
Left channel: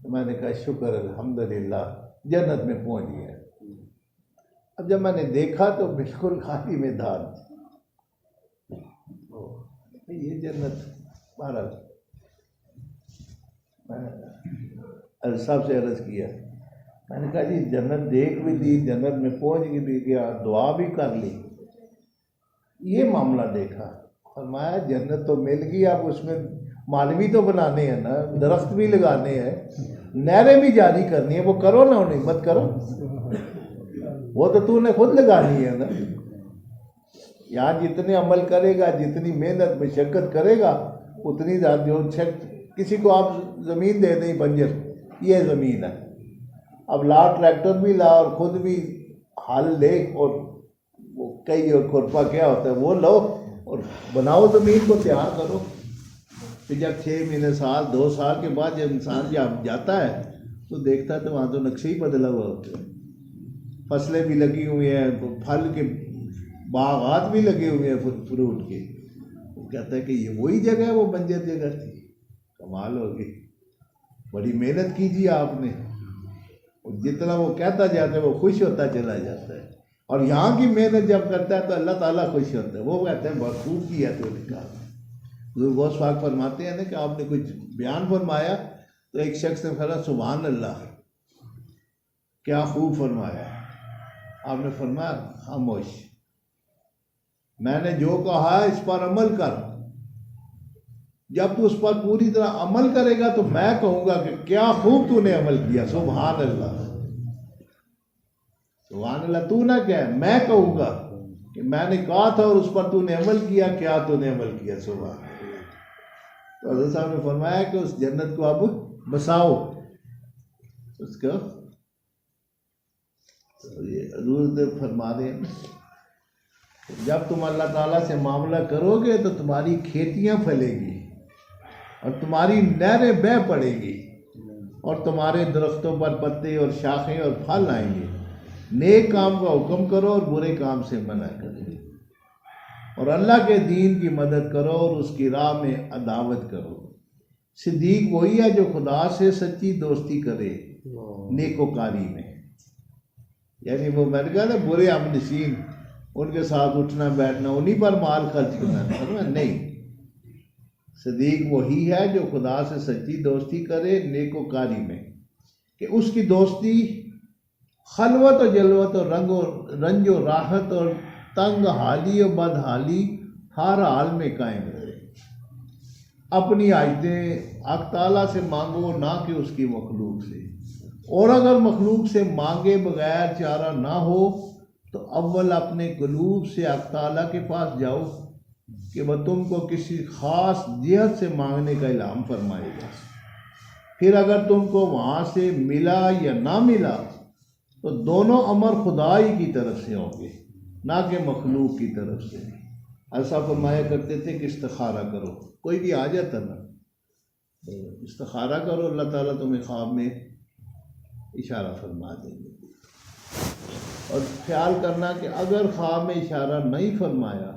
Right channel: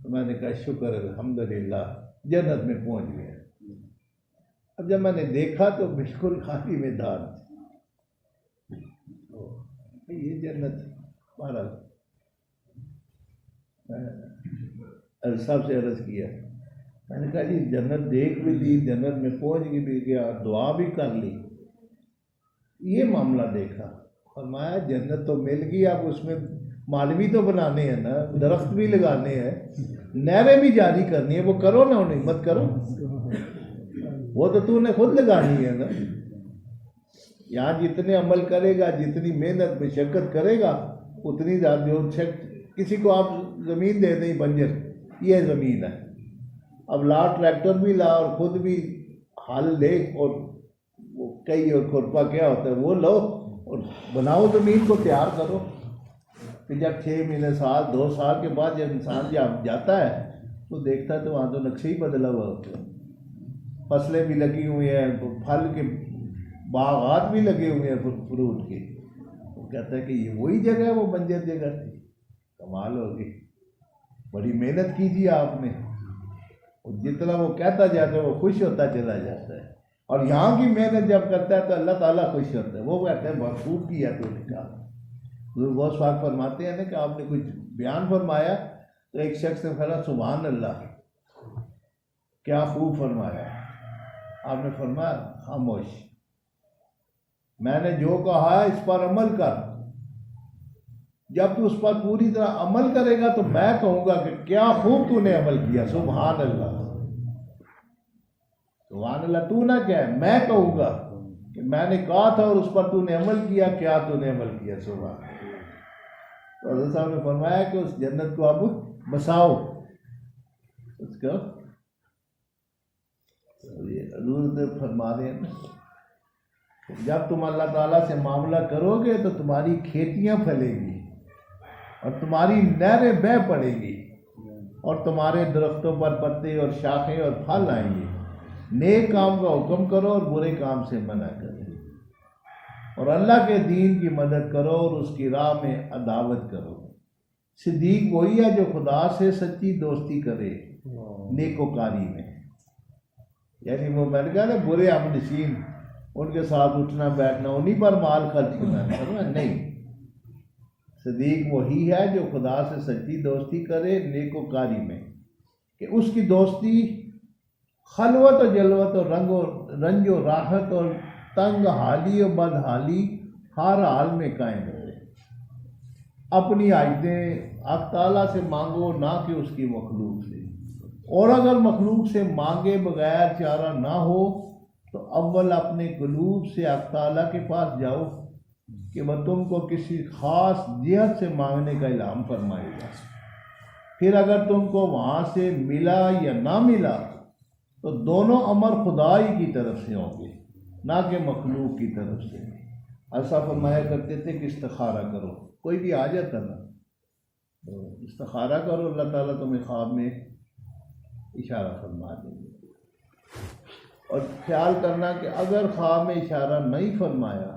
तो मैंने कहा शुक्र अल्हम्दुलिल्लाह, जन्नत में पहुँच गया। अब जब मैंने देखा तो बिल्कुल खाली मैदान, ये जन्नत। बहरहाल मैंने साहब से अर्ज़ किया, मैंने कहा जी जन्नत देख भी ली, जन्नत में पहुंच भी गया, दुआ भी कर ली, ये मामला देखा। फरमाया जन्नत तो मिल गई, अब उसमें माल भी तो बनाने हैं ना, दरख्त भी लगाने हैं, नहरें भी जारी करनी है, वो करो ना, उन्हें मत करो, वो तो तूने खुद लगानी है ना। यहाँ जितने अमल करेगा, जितनी मेहनत मशक्क़त करेगा, उतनी ज़्यादा जो किसी को आप ज़मीन दे दें बंजर, ये ज़मीन है, अब ला ट्रैक्टर भी ला और ख़ुद भी हल ले, और वो कई और खुरपा क्या होता है वो लो और बनाओ, ज़मीन को तैयार करो। फिर जब 6 महीने साल 2 साल के बाद जब इंसान जब जाता है तो देखता है तो वहाँ तो नक्शे ही बदला हुआ होता है, फसलें भी लगी हुई हैं, फल के बागात भी लगे हुए हैं, फ्रूट के। वो कहता है कि ये वही जगह है, वो बंजर जगह थी, कमाल होगी, बड़ी मेहनत कीजिए आपने। और जितना वो कहता जाता है वो खुश होता चला जाता है, और यहाँ की मेहनत जब करता है तो अल्लाह ताला खुश होता है, वो कहते हैं बहुत खूब किया तूने काम। बहुत स्वाग फरमाते हैं ना कि आपने कुछ बयान फरमाया तो एक शख्स ने कहा सुभान अल्लाह, क्या खूब फरमाया। आपने फरमाया खामोश, मैंने जो कहा है इस पर अमल कर, जब तू उस पर पूरी तरह अमल करेगा तो मैं कहूँगा कि क्या खूब तूने अमल किया, सुभान अल्लाह। सुभान अल्लाह तू ना क्या, मैं कहूँगा कि मैंने कहा था और उस पर तूने अमल किया, क्या तूने अमल किया, सुभान अल्लाह। तो हज़रत साहब ने फरमाया कि उस जन्नत को अब बसाओ, उसको ये हज़ूर फरमा रहे हैं जब तुम अल्लाह ताला से मामला करोगे तो तुम्हारी खेतियां फलेंगी और तुम्हारी नहरें बह पड़ेंगी और तुम्हारे दरख्तों पर पत्ते और शाखें और फल आएंगे। नेक काम का हुक्म करो और बुरे काम से मना करो, और अल्लाह के दीन की मदद करो और उसकी राह में अदावत करो। सिद्दीक वही है जो खुदा से सच्ची दोस्ती करे नेकोकारी में। यानी वो मैंने कहा ना बुरे हमनशीन, उनके साथ उठना बैठना, उन्हीं पर माल खर्च करना नहीं। सिद्दीक वही है जो खुदा से सच्ची दोस्ती करे नेकोकारी में, कि उसकी दोस्ती खलवत और जलवत और रंज और राहत और तंग हाली और बदहाली हर हाल में कायम रहे। अपनी आयतें हक ताला से मांगो, ना कि उसकी मखलूक से, और अगर मखलूक से मांगे बगैर चारा ना हो तो अव्वल अपने कलूब से हक ताला के पास जाओ कि वह तुमको किसी ख़ास जिहत से मांगने का इल्हाम फरमाएगा। फिर अगर तुमको वहाँ से मिला या ना मिला तो दोनों अमर खुदाई की तरफ से होंगे, ना कि मखलूक की तरफ से। ऐसा फरमाया करते थे कि इस्तिखारा करो, कोई भी आ जाता ना तो इस्तिखारा करो, अल्लाह ताला तुम्हें ख्वाब में इशारा फरमा देंगे। और ख्याल करना कि अगर ख्वाब में इशारा नहीं फरमाया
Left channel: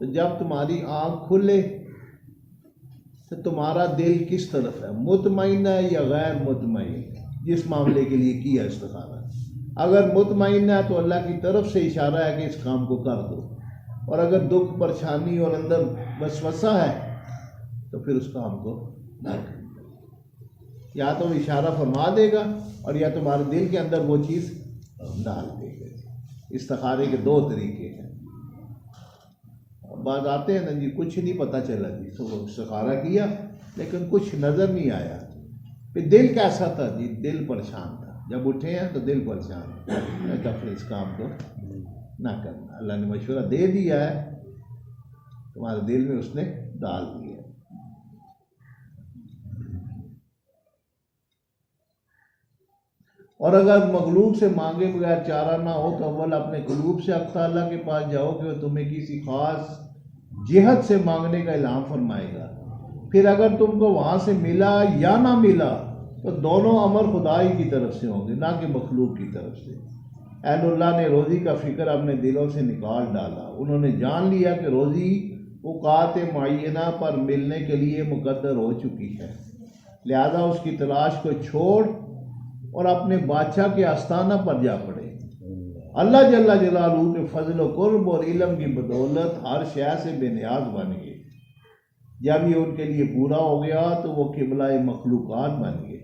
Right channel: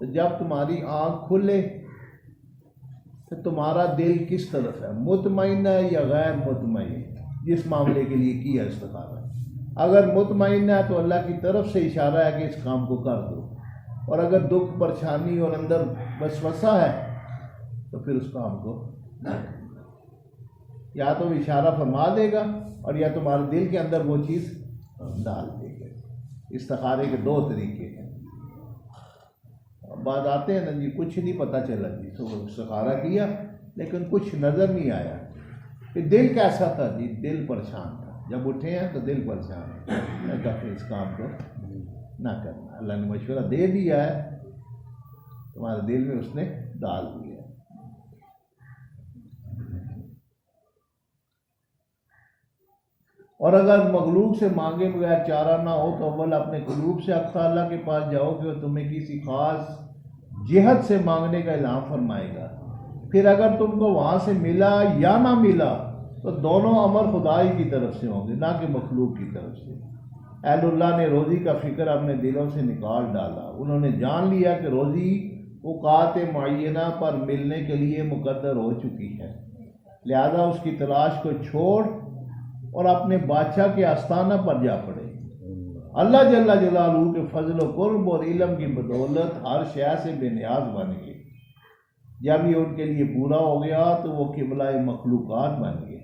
तो जब तुम्हारी आँख खुले तो तुम्हारा दिल किस तरफ है, मुतमईन है या गैर मुतमईन, जिस मामले के लिए किया इस्तिखारा। अगर मुतमईन है तो अल्लाह की तरफ से इशारा है कि इस काम को कर दो, और अगर दुख परेशानी और अंदर वसवसा है तो फिर उस काम को ना, या तो इशारा फरमा देगा और या तुम्हारे दिल के अंदर वो चीज़ डाल देगा। इस्तिखारे के 2 तरीके हैं। बात आते हैं ना जी, कुछ नहीं पता चला जी, तो इस्तिखारा किया लेकिन कुछ नज़र नहीं आया, फिर दिल कैसा था जी, दिल परेशान था। जब उठे हैं तो दिल परेशान है, तो फिर इस काम को ना करना। अल्लाह ने मशवरा दे दिया है, तुम्हारे दिल में उसने डाल दिया। और अगर मखलूक से मांगे बगैर चारा ना हो तो अव्वल अपने कलूब से हक ताला के पास जाओ कि वो तुम्हें किसी खास जिहत से मांगने का इल्हाम फरमाएगा। फिर अगर तुमको वहाँ से मिला या ना मिला तो दोनों अमर खुदाई की तरफ से होंगे, ना कि मखलूक की तरफ से। अहलुल्लाह ने रोज़ी का फ़िक्र अपने दिलों से निकाल डाला। उन्होंने जान लिया कि रोज़ी औकात मुअय्यना पर मिलने के लिए मुकद्दर हो चुकी है, लिहाजा उसकी तलाश को छोड़ और अपने बादशाह के आस्थाना पर जा पड़े। अल्लाह जल्ला जलालहू के फजल व कुर्ब और इल्म की बदौलत हर शय से बेनियाज बन गए। जब ये उनके लिए पूरा हो गया तो वो क़िबला मखलूक़ात बन गए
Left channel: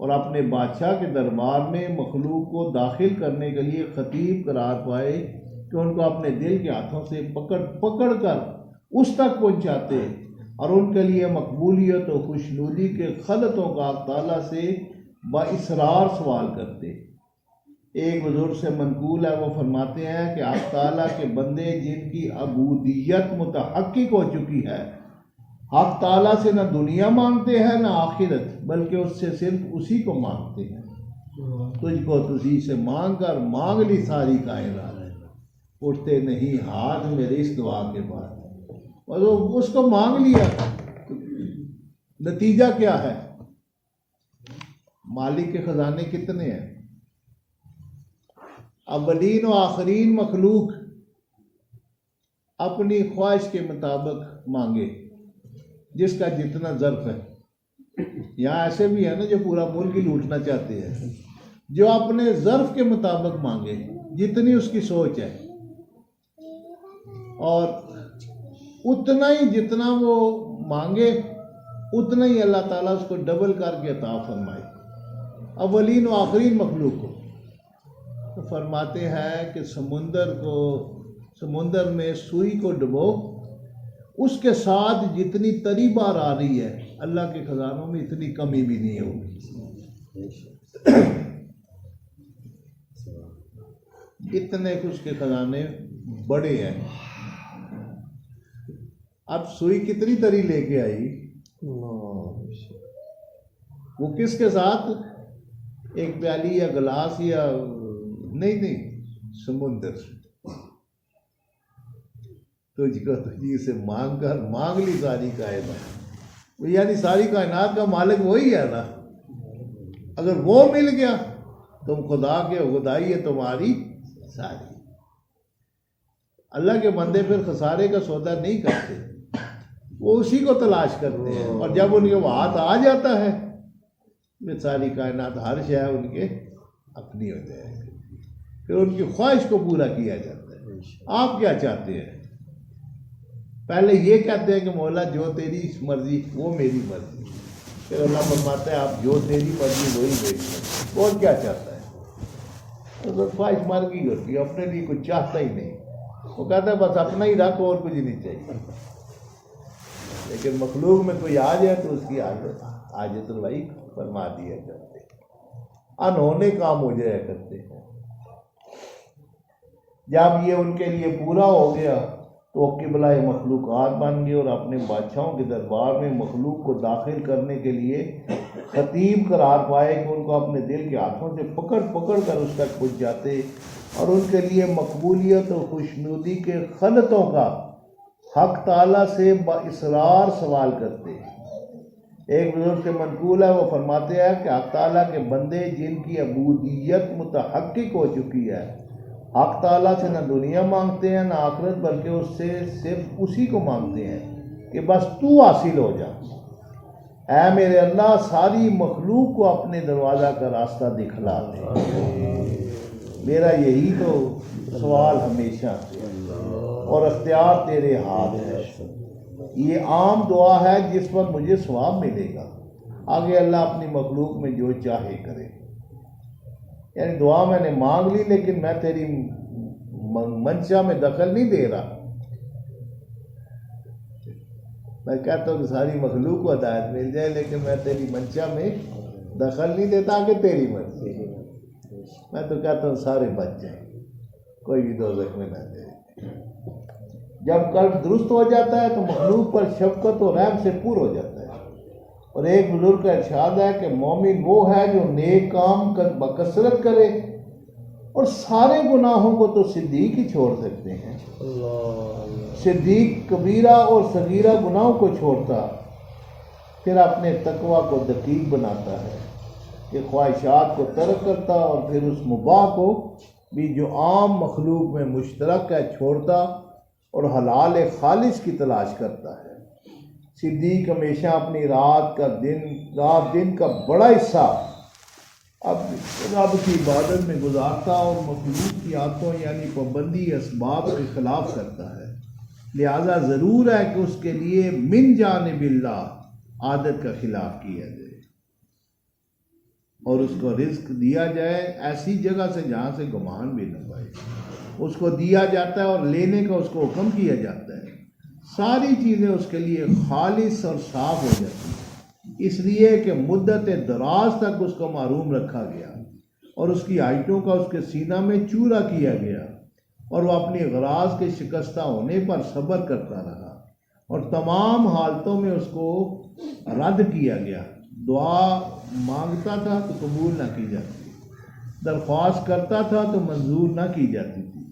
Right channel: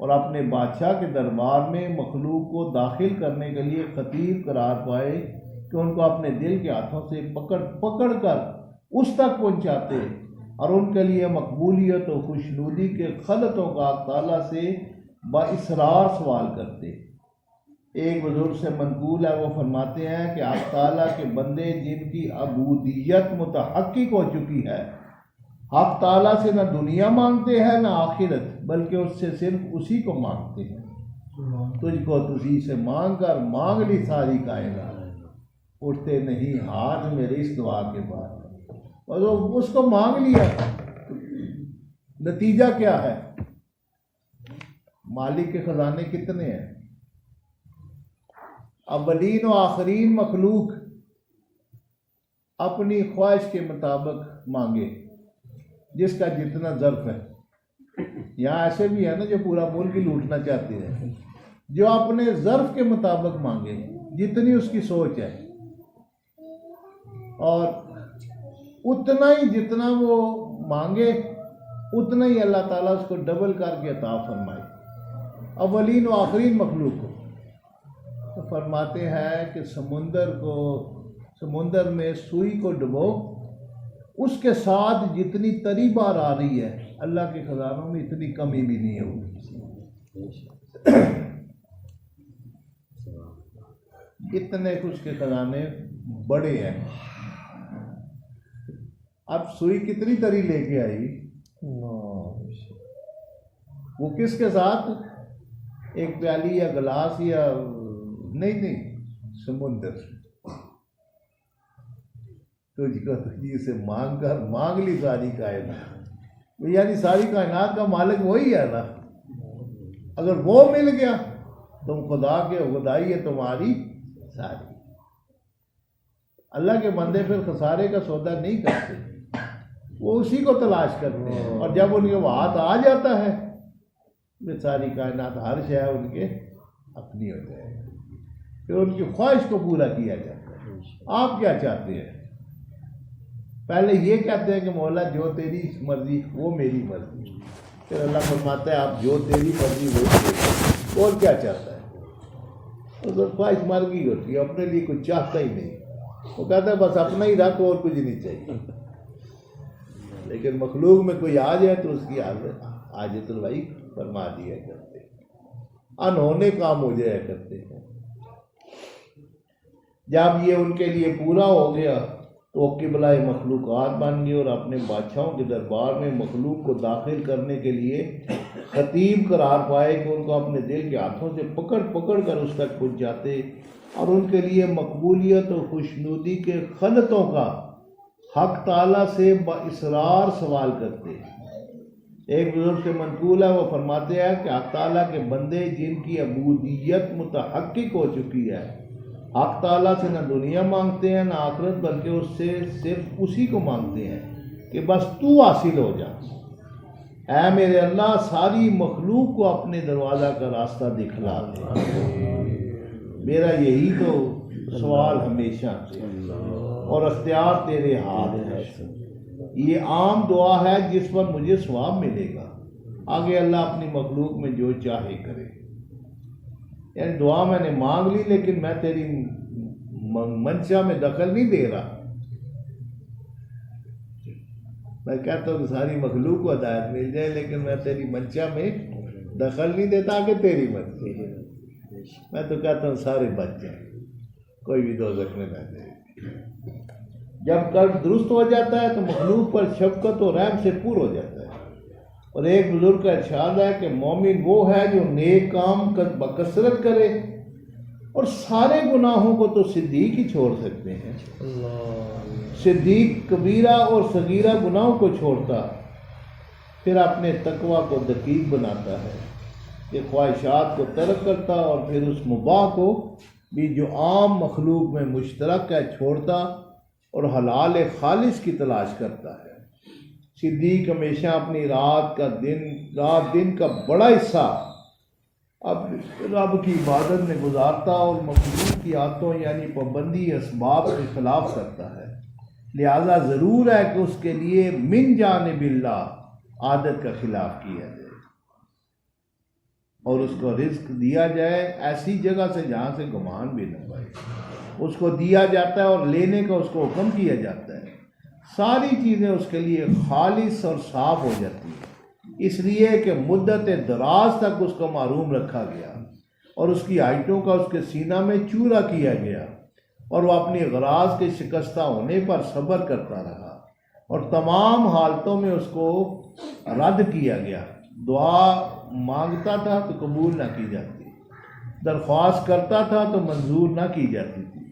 और अपने बादशाह के दरबार में मखलूक को दाखिल करने के लिए खतीब करार पाए कि उनको अपने दिल के हाथों से पकड़ पकड़ कर उस तक पहुंचाते और उनके लिए मकबूलियत और खुशनुदी के खलतों का ताला से बाइसरार सवाल करते। एक बुजुर्ग से मनकूल है, वो फरमाते हैं कि आप ताला के बंदे जिनकी अबूदियत मुतहक्किक हो चुकी है, हक ताला से न दुनिया मांगते हैं न आखिरत, बल्कि उससे सिर्फ उसी को मांगते हैं। तुझको तुझी से मांग कर मांग ली सारी कायनात, उठते नहीं हाथ मेरे इस दुआ के बाद। और उसको मांग लिया, नतीजा क्या है? मालिक के खजाने कितने हैं? अवलीन और आखरीन मखलूक अपनी ख्वाहिश के मुताबिक मांगे, जिसका जितना ज़र्फ है। यहाँ ऐसे भी है ना जो पूरा मुल्क ही लूटना चाहते हैं, जो अपने ज़र्फ के मुताबिक मांगे, जितनी उसकी सोच है, और उतना ही जितना वो मांगे उतना ही अल्लाह ताला उसको डबल करके अता फरमाए। अवलीन और आखरीन मखलूक को तो फरमाते हैं कि समुंदर में सुई को डुबो, उसके साथ जितनी तरी बार आ रही है, अल्लाह के खजानों में इतनी कमी भी नहीं होगी। इतने कुछ के खजाने बड़े हैं। अब सुई कितनी तरी लेके आई, वो किसके साथ? एक प्याली या गिलास या नहीं, समुंदर। तुझको तुझी से मांग कर मांग ली सारी कायनात, यानी सारी कायनात का मालिक वही है ना। अगर वो मिल गया तुम खुदा के खुदाई है तुम्हारी सारी। अल्लाह के बंदे फिर खसारे का सौदा नहीं करते, वो उसी को तलाश करते हैं, और जब उनके हाथ आ जाता है ये सारी कायनात हर शय उनके अपनी हो जाएगी, फिर उनकी ख्वाहिश को पूरा किया जाता है। आप क्या चाहते हैं? पहले ये कहते हैं कि मौला जो तेरी मर्जी वो मेरी मर्जी, फिर अल्लाह फरमाता है आप जो तेरी मर्जी वही मेरी। और क्या चाहता है? तो ख्वाहिश मर गई होती है, अपने लिए कुछ चाहता ही नहीं, वो कहता है बस अपना ही रख और कुछ नहीं चाहिए। लेकिन मखलूक में कोई आ जाए तो उसकी आजत भाई फरमा दिया करते, अनहोने काम हो जाया करते हैं। जब ये उनके लिए पूरा हो गया तो वो क़िबला मखलूक़ात बन गए और अपने बादशाहों के दरबार में मखलूक को दाखिल करने के लिए खतीब करार पाए कि उनको अपने दिल के हाथों से पकड़ पकड़ कर उस तक पहुँच जाते और उनके लिए मकबूलियत और खुशनुदी के खलतों का हक ताला से बाइसरार सवाल करते। एक बुजुर्ग से मनकूल है, वो फरमाते हैं कि हक ताला के बंदे जिनकी अबूदियत मुतहक्किक हो चुकी है, हक ताला से न दुनिया मांगते हैं न आखिरत, बल्कि उससे सिर्फ उसी को मांगते हैं कि बस तू हासिल हो जा। ऐ मेरे अल्लाह सारी मखलूक को अपने दरवाज़ा का रास्ता दिखला दे। मेरा यही तो सवाल हमेशा, और अख्तियार तेरे हाथ है। ये आम दुआ है जिस पर मुझे सवाब मिलेगा। आगे अल्लाह अपनी मखलूक में जो चाहे करे। यानी दुआ मैंने मांग ली, लेकिन मैं तेरी मंशा में दखल नहीं दे रहा। मैं कहता हूँ कि सारी मखलूक को हिदायत मिल जाए, लेकिन मैं तेरी मंशा में दखल नहीं देता कि तेरी मर्जी। मैं तो कहता हूँ सारे बच जाए, कोई भी दोज़ख में न जाए। जब कर्म दुरुस्त हो जाता है तो मखलूक पर शफकत और रहम से पूर हो जाता है। और एक बुजुर्ग का इरशाद है कि मोमिन वो है जो नेक काम बकसरत करे और सारे गुनाहों को तो सिद्दीक ही छोड़ सकते हैं। सिद्दीक कबीरा और सगीरा गुनाहों को छोड़ता, फिर अपने तकवा को दकीक बनाता है, ये ख्वाहिशात को तर्क करता और फिर उस मुबाह को भी जो आम मखलूक में मुश्तरक है छोड़ता और हलाल खालिस की तलाश करता है। सिद्दीक हमेशा अपनी रात दिन का बड़ा हिस्सा अब रब की इबादत में गुजारता और मखलूक की आदतों यानी पाबंदी असबाब के खिलाफ करता है। लिहाजा ज़रूर है कि उसके लिए मिन जानिबिल्लाह आदत का खिलाफ किया जाए और उसको रिस्क दिया जाए ऐसी जगह से जहाँ से गुमान भी न पाए। उसको दिया जाता है और लेने का उसको हुक्म किया जाता है। सारी चीज़ें उसके लिए खालिस और साफ हो जाती हैं, इसलिए कि मुद्दत दराज तक उसको मारूम रखा गया और उसकी आयतों का उसके सीना में चूरा किया गया और वह अपनी गराज के शिकस्ता होने पर सब्र करता रहा और तमाम हालतों में उसको रद्द किया गया। दुआ मांगता था तो कबूल ना की जाती, दरख्वास्त करता था तो मंजूर ना की जाती थी,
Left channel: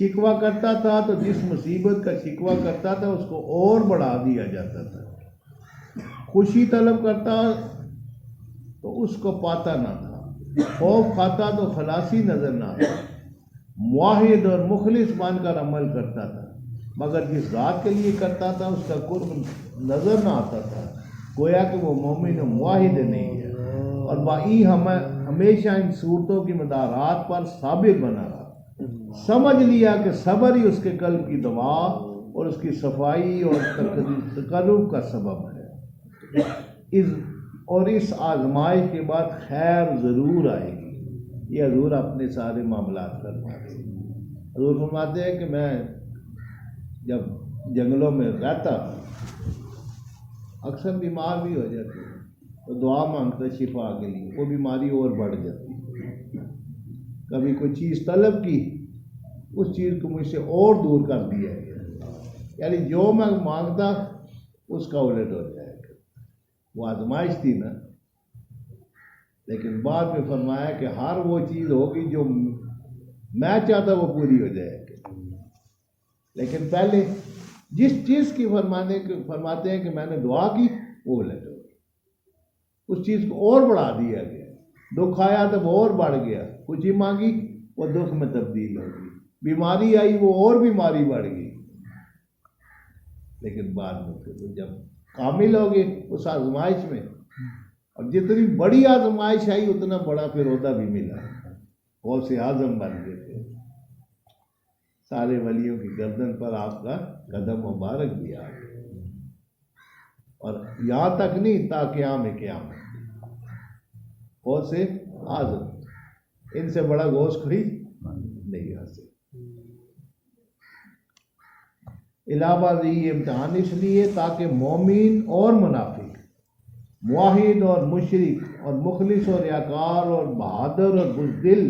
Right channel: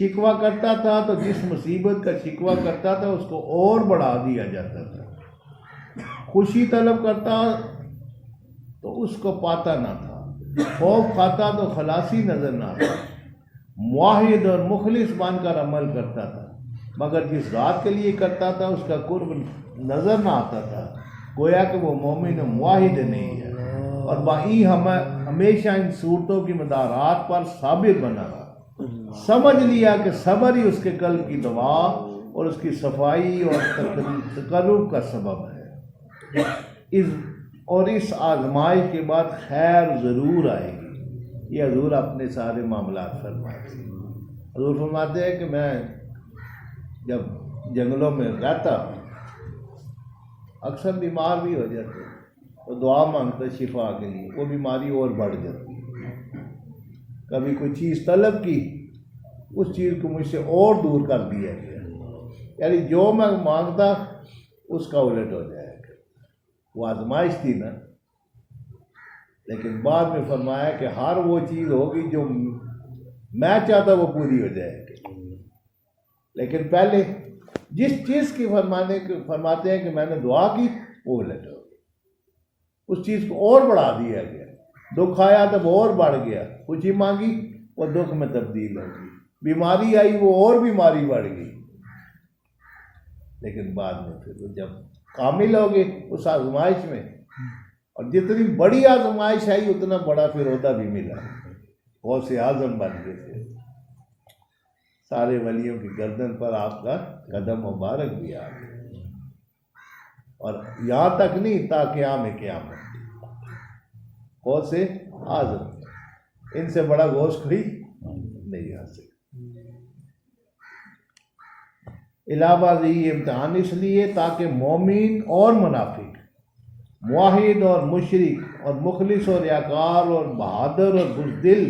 शिकवा करता था तो जिस मुसीबत का शिकवा करता था उसको और बढ़ा दिया जाता था, खुशी तलब करता तो उसको पाता ना था, खौफ खाता तो खलासी नजर ना आता, मुआहिद और मुखलिस बनकर अमल करता था मगर जिस रात के लिए करता था उसका कुर्ब नजर ना आता था, गोया कि वो मोमिन मुआहिद नहीं है और वही हमेशा इन सूरतों की मदारात पर साबित बना रहा। समझ लिया कि सब्र ही उसके कल्ब की दवा और उसकी सफाई और तकर्रुब का सबब है। इस आजमाइश के बाद खैर ज़रूर आएगी। ये हजूर अपने सारे मामलात फरमाते हैं। हजूर फरमाते हैं कि मैं जब जंगलों में रहता अक्सर बीमार भी हो जाते तो दुआ मांगते शिफा के लिए, वो बीमारी और बढ़ जाती। कभी कोई चीज़ तलब की, उस चीज़ को मुझसे और दूर कर दिया गया, यानी जो मैं मांगता उसका उलट हो जाएगा। वो आजमाइश थी ना, लेकिन बाद में फरमाया कि हर वो चीज़ होगी जो मैं चाहता वो पूरी हो जाएगी। लेकिन पहले जिस चीज़ की फरमाते हैं कि मैंने दुआ की वो उलट हो, उस चीज़ को और बढ़ा दिया गया। दुख आया तब और बढ़ गया, खुशी मांगी वो दुख में तब्दील हो गई, बीमारी आई वो और बीमारी बढ़ गई। लेकिन बाद में फिर जब कामिल हो गए उस आजमाइश में, और जितनी बड़ी आजमाइश आई उतना बड़ा फिर होता भी मिला, बहुत से आजम बन गए थे। सारे वलियों की गर्दन पर आपका कदम मुबारक भी आ गया, और यहाँ तक नहीं ताकि आम क़यामत बहुत से आजम, इनसे बड़ा गोश्त खड़ी नहीं आ सकती। इलाहाबाद ये इम्तहान इसलिए ताकि मोमिन और मुनाफिक, मुआहिद और मुशरिक और मुखलिस और याकार और बहादुर और बुज़दिल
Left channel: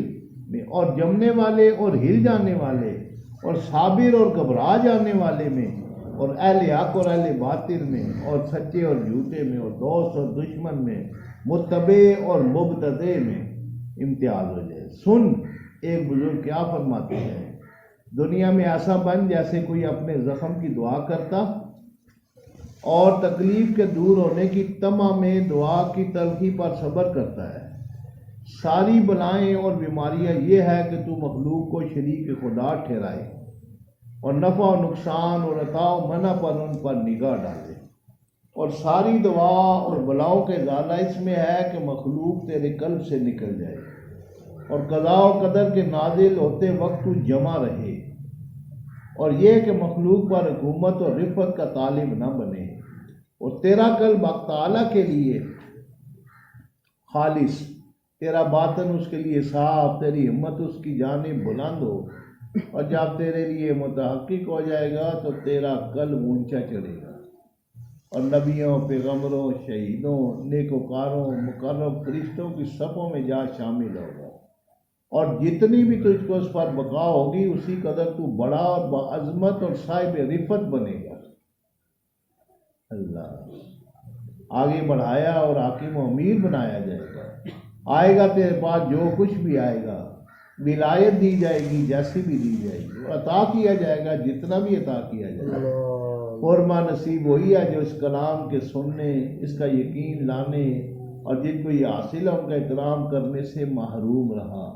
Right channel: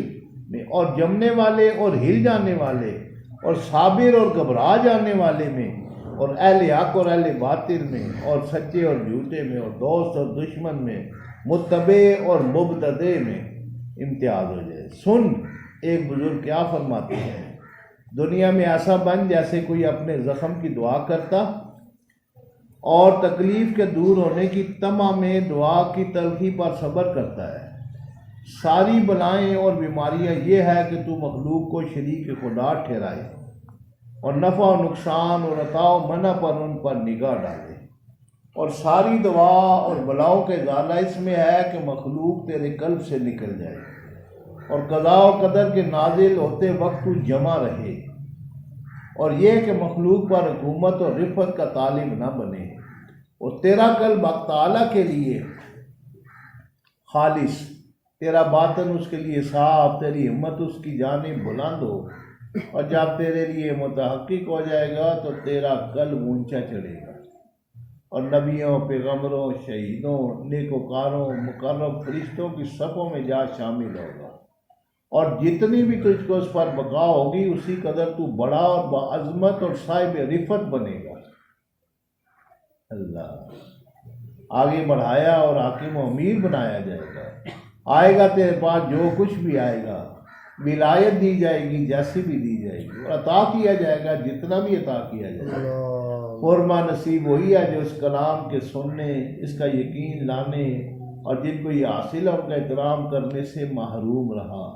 में, और जमने वाले और हिल जाने वाले और साबिर और घबरा जाने वाले में, और अहले हक और अहले बातिल में, और सच्चे और झूठे में, और दोस्त और दुश्मन में, मुत्तबे और मुबतदे में इम्तियाज हो जाए। सुन, एक बुजुर्ग क्या फरमाते हैं, दुनिया में ऐसा बन जैसे कोई अपने ज़ख्म की दुआ करता और तकलीफ़ के दूर होने की तमा में दुआ की तलखी पर सब्र करता है। सारी बलाएं और बीमारियां ये है कि तू मखलूक को शरीक खुदा ठहराए और नफ़ा नुकसान और अताव मना पर उन पर निगाह डाले, और सारी दवा और बलाओं के ज़ाला इसमें है कि मखलूक तेरे कल्ब से निकल जाए और कज़ा और कदर के नाजिल होते वक्त तू जमा रहे, और यह कि मखलूक पर हुकूमत और रिफत का तालिब न बने, और तेरा कल्ब ताला के लिए खालिस, तेरा बातन उसके लिए साफ, तेरी हिम्मत उसकी जानिब बुलंद हो, और जब तेरे लिए मुतहक्किक हो जाएगा तो तेरा कल्ब ऊंचा चढ़ेगा और नबियों, पैगम्बरों, शहीदों, नेकोकारों, मुकर्रब फरिश्तों की सफ़ों में जा शामिल होगा, और जितनी भी तुझको उस पर बका होगी उसी कदर तू बड़ा और बाअज़मत और साहिब रिफत बनेगा। अल्लाह आगे बढ़ाया और हाकिम व अमीर बनाया जाएगा। आएगा तेरे पास जो कुछ भी आएगा, विलायत दी जाएगी जैसी भी दी जाएगी, और अता किया जाएगा जितना भी अता किया जाएगा। फरमा नसीब वही है जो इस कलाम के सुनने, इसका यकीन लाने और जिनको ये हासिल है उनका एहतराम करने से महरूम रहा।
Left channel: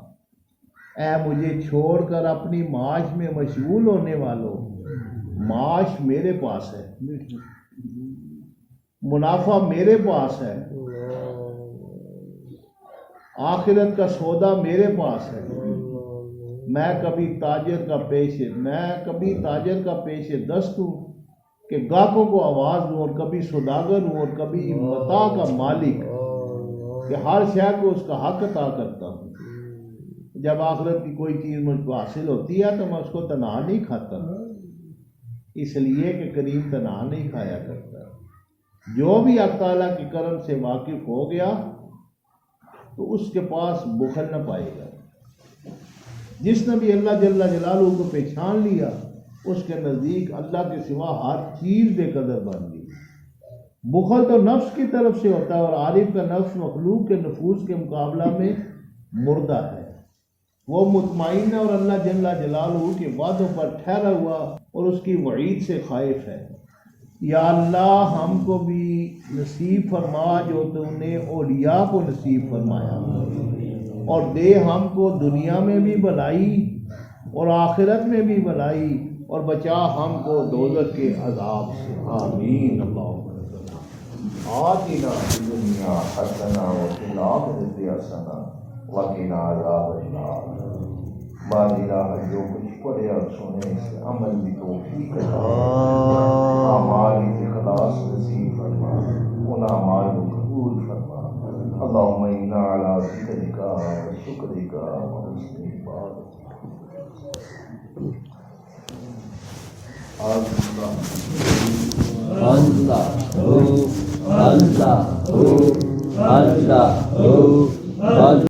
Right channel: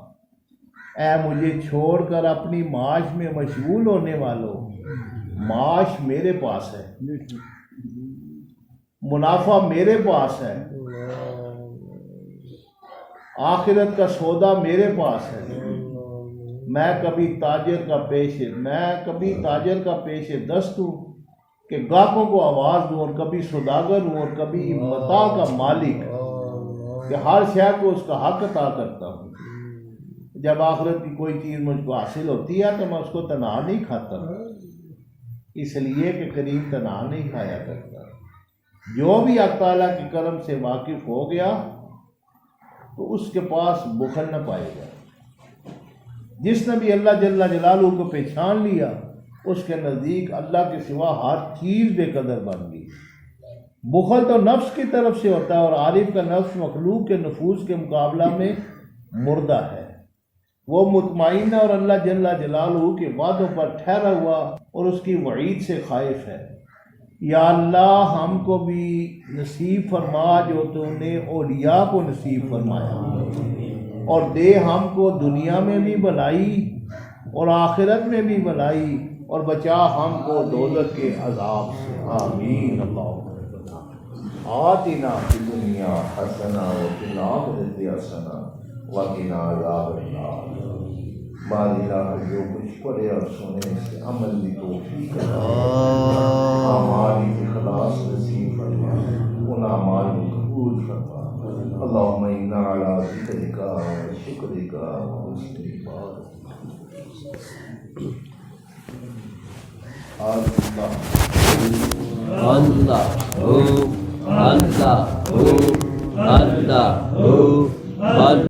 ऐ मुझे छोड़कर अपनी माश में मशगूल होने वालों, माश मेरे पास है, मुनाफा मेरे पास है, आखिरत का सौदा मेरे पास है, मैं कभी ताजर का पेश दस्त हूँ कि गाहकों को आवाज़ दूँ, और कभी सौदागर हूँ, और कभी मता का मालिक कि हर शय को उसका हक अता करता हूँ। जब आखिरत की कोई चीज़ मुझको हासिल होती है तो मैं उसको तनहा नहीं खाता, इसलिए कि करीम तनहा नहीं खाया करता। जो भी अल्लाह ताला के करम से वाकिफ़ हो गया तो उसके पास बुखल न पाएगा। जिसने भी अल्लाह जल्ला जलालहू को पहचान लिया उसके नज़दीक अल्लाह के सिवा हर चीज़ बेकदर बन गई। बुखल तो नफ्स की तरफ से होता है, और आरिफ का नफ्स मखलूक के नफूस के मुकाबला में मुर्दा है। वो मुतमईन है और अल्लाह जल्ला जलालहू के वादों पर ठहरा हुआ और उसकी वईद से खाइफ है। या अल्लाह हमको भी नसीब फरमा जो तुमने औलिया को नसीब फरमाया, और दे हमको दुनिया में भी भलाई और आखिरत में भी भलाई, और बचा हमको दोज़ख के अज़ाब से। आमीन। आतिना फिद दुनिया हसना व फिल आखिरति हसना व क़िना अज़ाबन्नार। बादशाह जो कुछ पढ़े और सुने से अमल की तौफीक हमारी इखलास नसीब फरमा, उन अमाल को कबूल फरमा। अल्लाहुम्मा इन्ना अला ज़िक्रिका व शुक्रिका व हुस्नि इबादतिक। अल्लाह